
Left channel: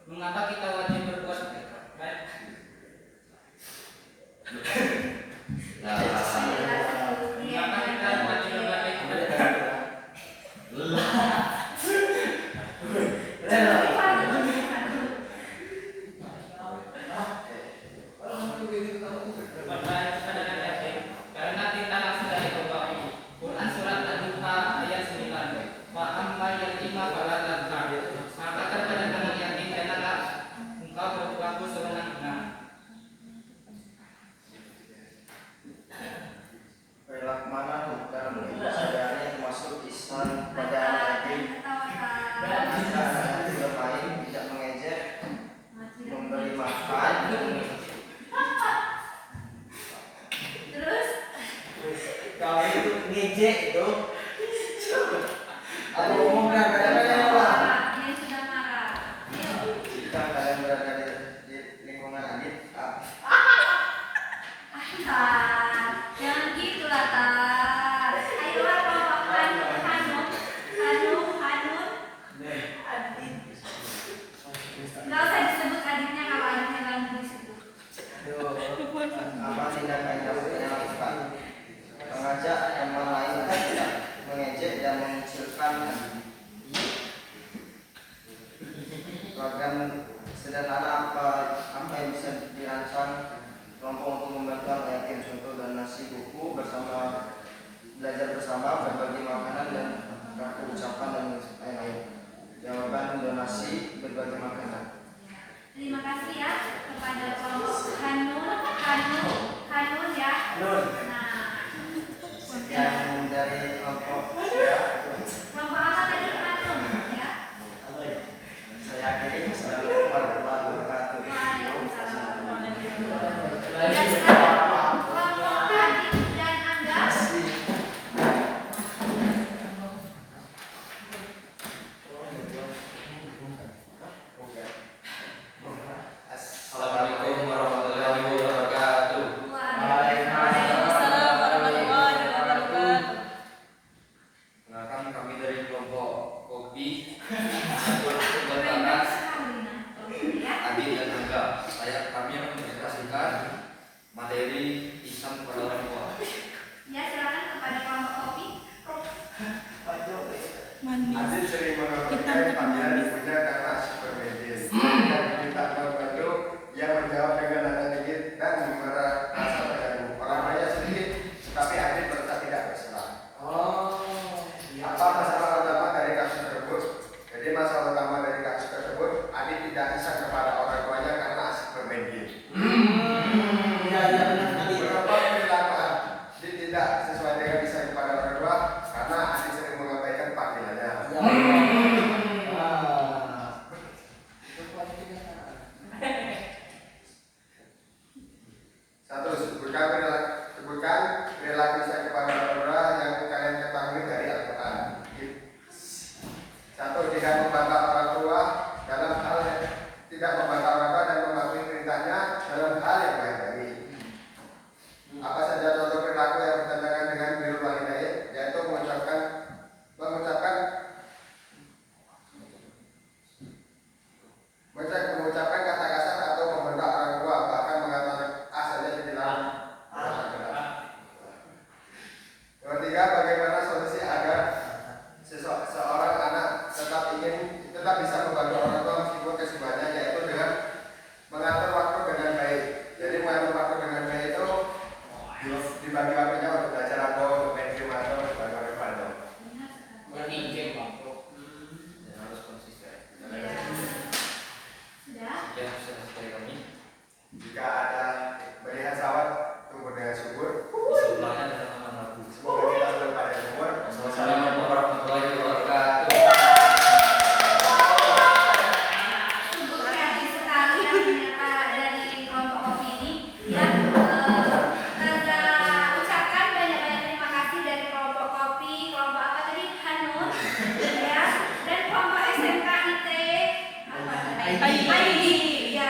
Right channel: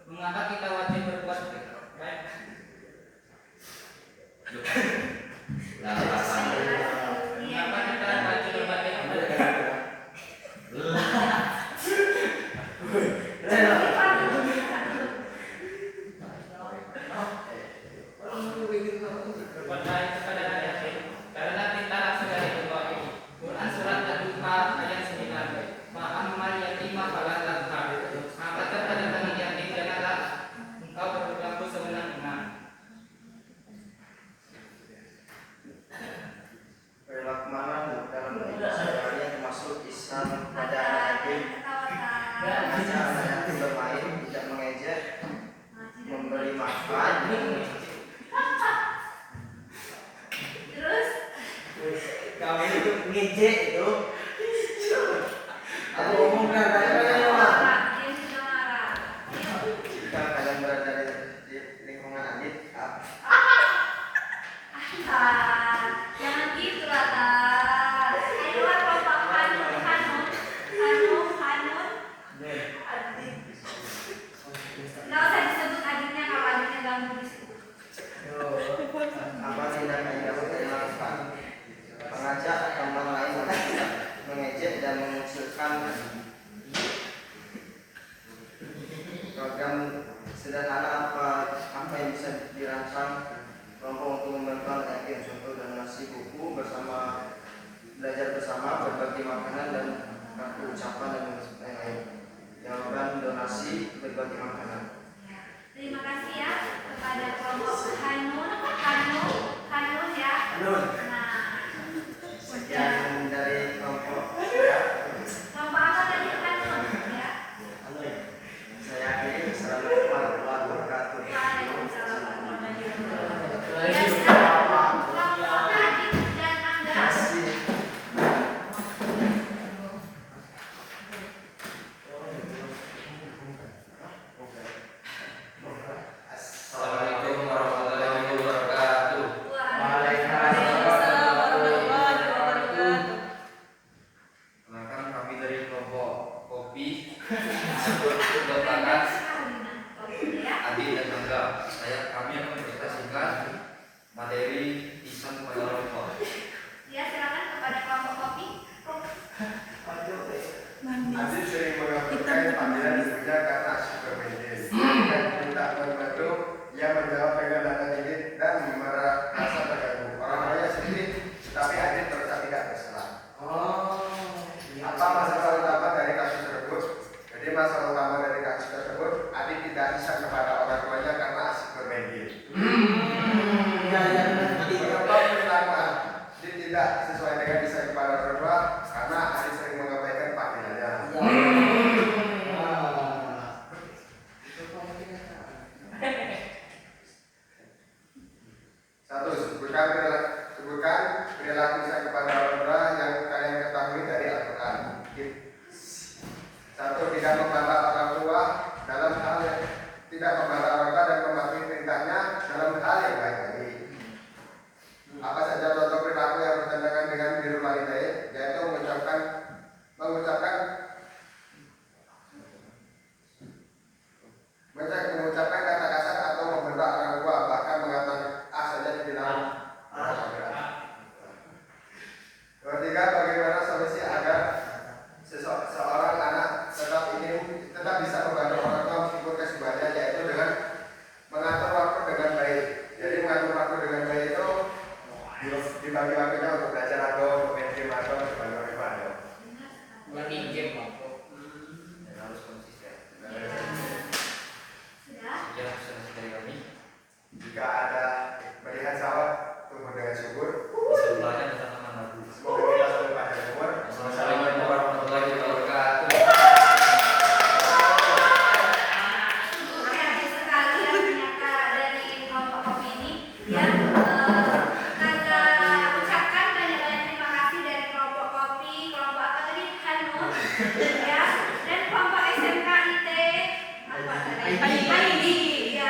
Mengapa kita wajib berbuat baik? Mengapa kita wajib berbuat baik kepada mereka? Berbuat baik kepada anak yatim, karena perintah langsung dari Allah. Quran surat Ad-Duha ayat 9. Fa'ammal yatima fala taqhar. Maka terhadap anak yatim janganlah engkau berperilaku sewenang-wenang. Perilaku mana dalam hidup sehari-hari termasuk ihsan pada anak yatim, tidak bermain, tidak mengejek, memberi makan. Terus Kau itu ngejek itu. Aku umumkan kadang-kadang apa? dia sudah marah. Jika kalian berada di lingkungan adit, Jangan gitu lah Tan. Ayolah kelompok Hanun. Nggak usah disebut adiknya kalau adiknya ganggu disebut. apa tindakan yang dapat kita lakukan? Mengajak teman lain untuk tidak mengejek dan mengusulkan program sederhana apa yang bisa dirancang kelompok untuk membantu anak yatim, contoh donasi buku bersama, belajar bersama, berbagi makanan dan kartu ucapan dan lain-lain. Jawaban donasi berbagi makanan. Terima kasih ya kepada kelompok Hanun ya. Nah, Dan dari kelompok kelompok apa tadi Hanun ya. saya akhiri. Assalamualaikum warahmatullahi wabarakatuh. Waalaikumsalam warahmatullahi wabarakatuh. Ya sekarang kelompok Adit dan Angga. Assalamualaikum warahmatullahi wabarakatuh. Waalaikumsalam warahmatullahi wabarakatuh. Kenalkan kami dari kelompok kopi Pendek sekali nah kelompoknya ya. Adi dan Angga. Kami akan menjelaskan materi Islam pada kelompok. Ya silakan kepada kelompok kopi. Adit sering mengabaikan panggilan ibunya karena supermedis. Dan minta membantu yang menjawab dengan nada dingin dan merasa terganggu. Orang lainnya sedikit, tapi Adit merasa tidak bersalah. Oh, tidak membantah orang tua dalam hal yang tidak membantah orang tua dan mematuhi perintahnya dalam hal yang baik-baik. Apa saja contoh perilaku yang bertentangan dengan birrul walidain, yaitu mengucapkan kata kasar atau membentak orang tua, bahkan mengatakan saja dibilang. Yang ketiga, bagaimana solusi agar seorang anak tetap bisa membantu orang tua meskipun kesibukannya, yaitu dengan mengatur waktu dengan baik. Jadi mengatur waktu dengan baik itu dibagi waktunya untuk belajar atau main game atau berbagai macam. Main game waktu. Harus konsisten. Sudah? Ya, sudah dari kami. Jika ada melihat sawat, tumbuh dengan subur. Sebelahnya adalah taman labu. Semoga kita selalu pada umur. Wassalamualaikum warahmatullahi wabarakatuh. Sungguh kreatif sekali ya ternyata dari kelompok kopi ini yang Tanda ucapkan banyak-banyak terima kasih dari kelompok kopi, kelompok apa tadi, Hanun, ya, dan kelompok SMK IT apa? ID. Ya,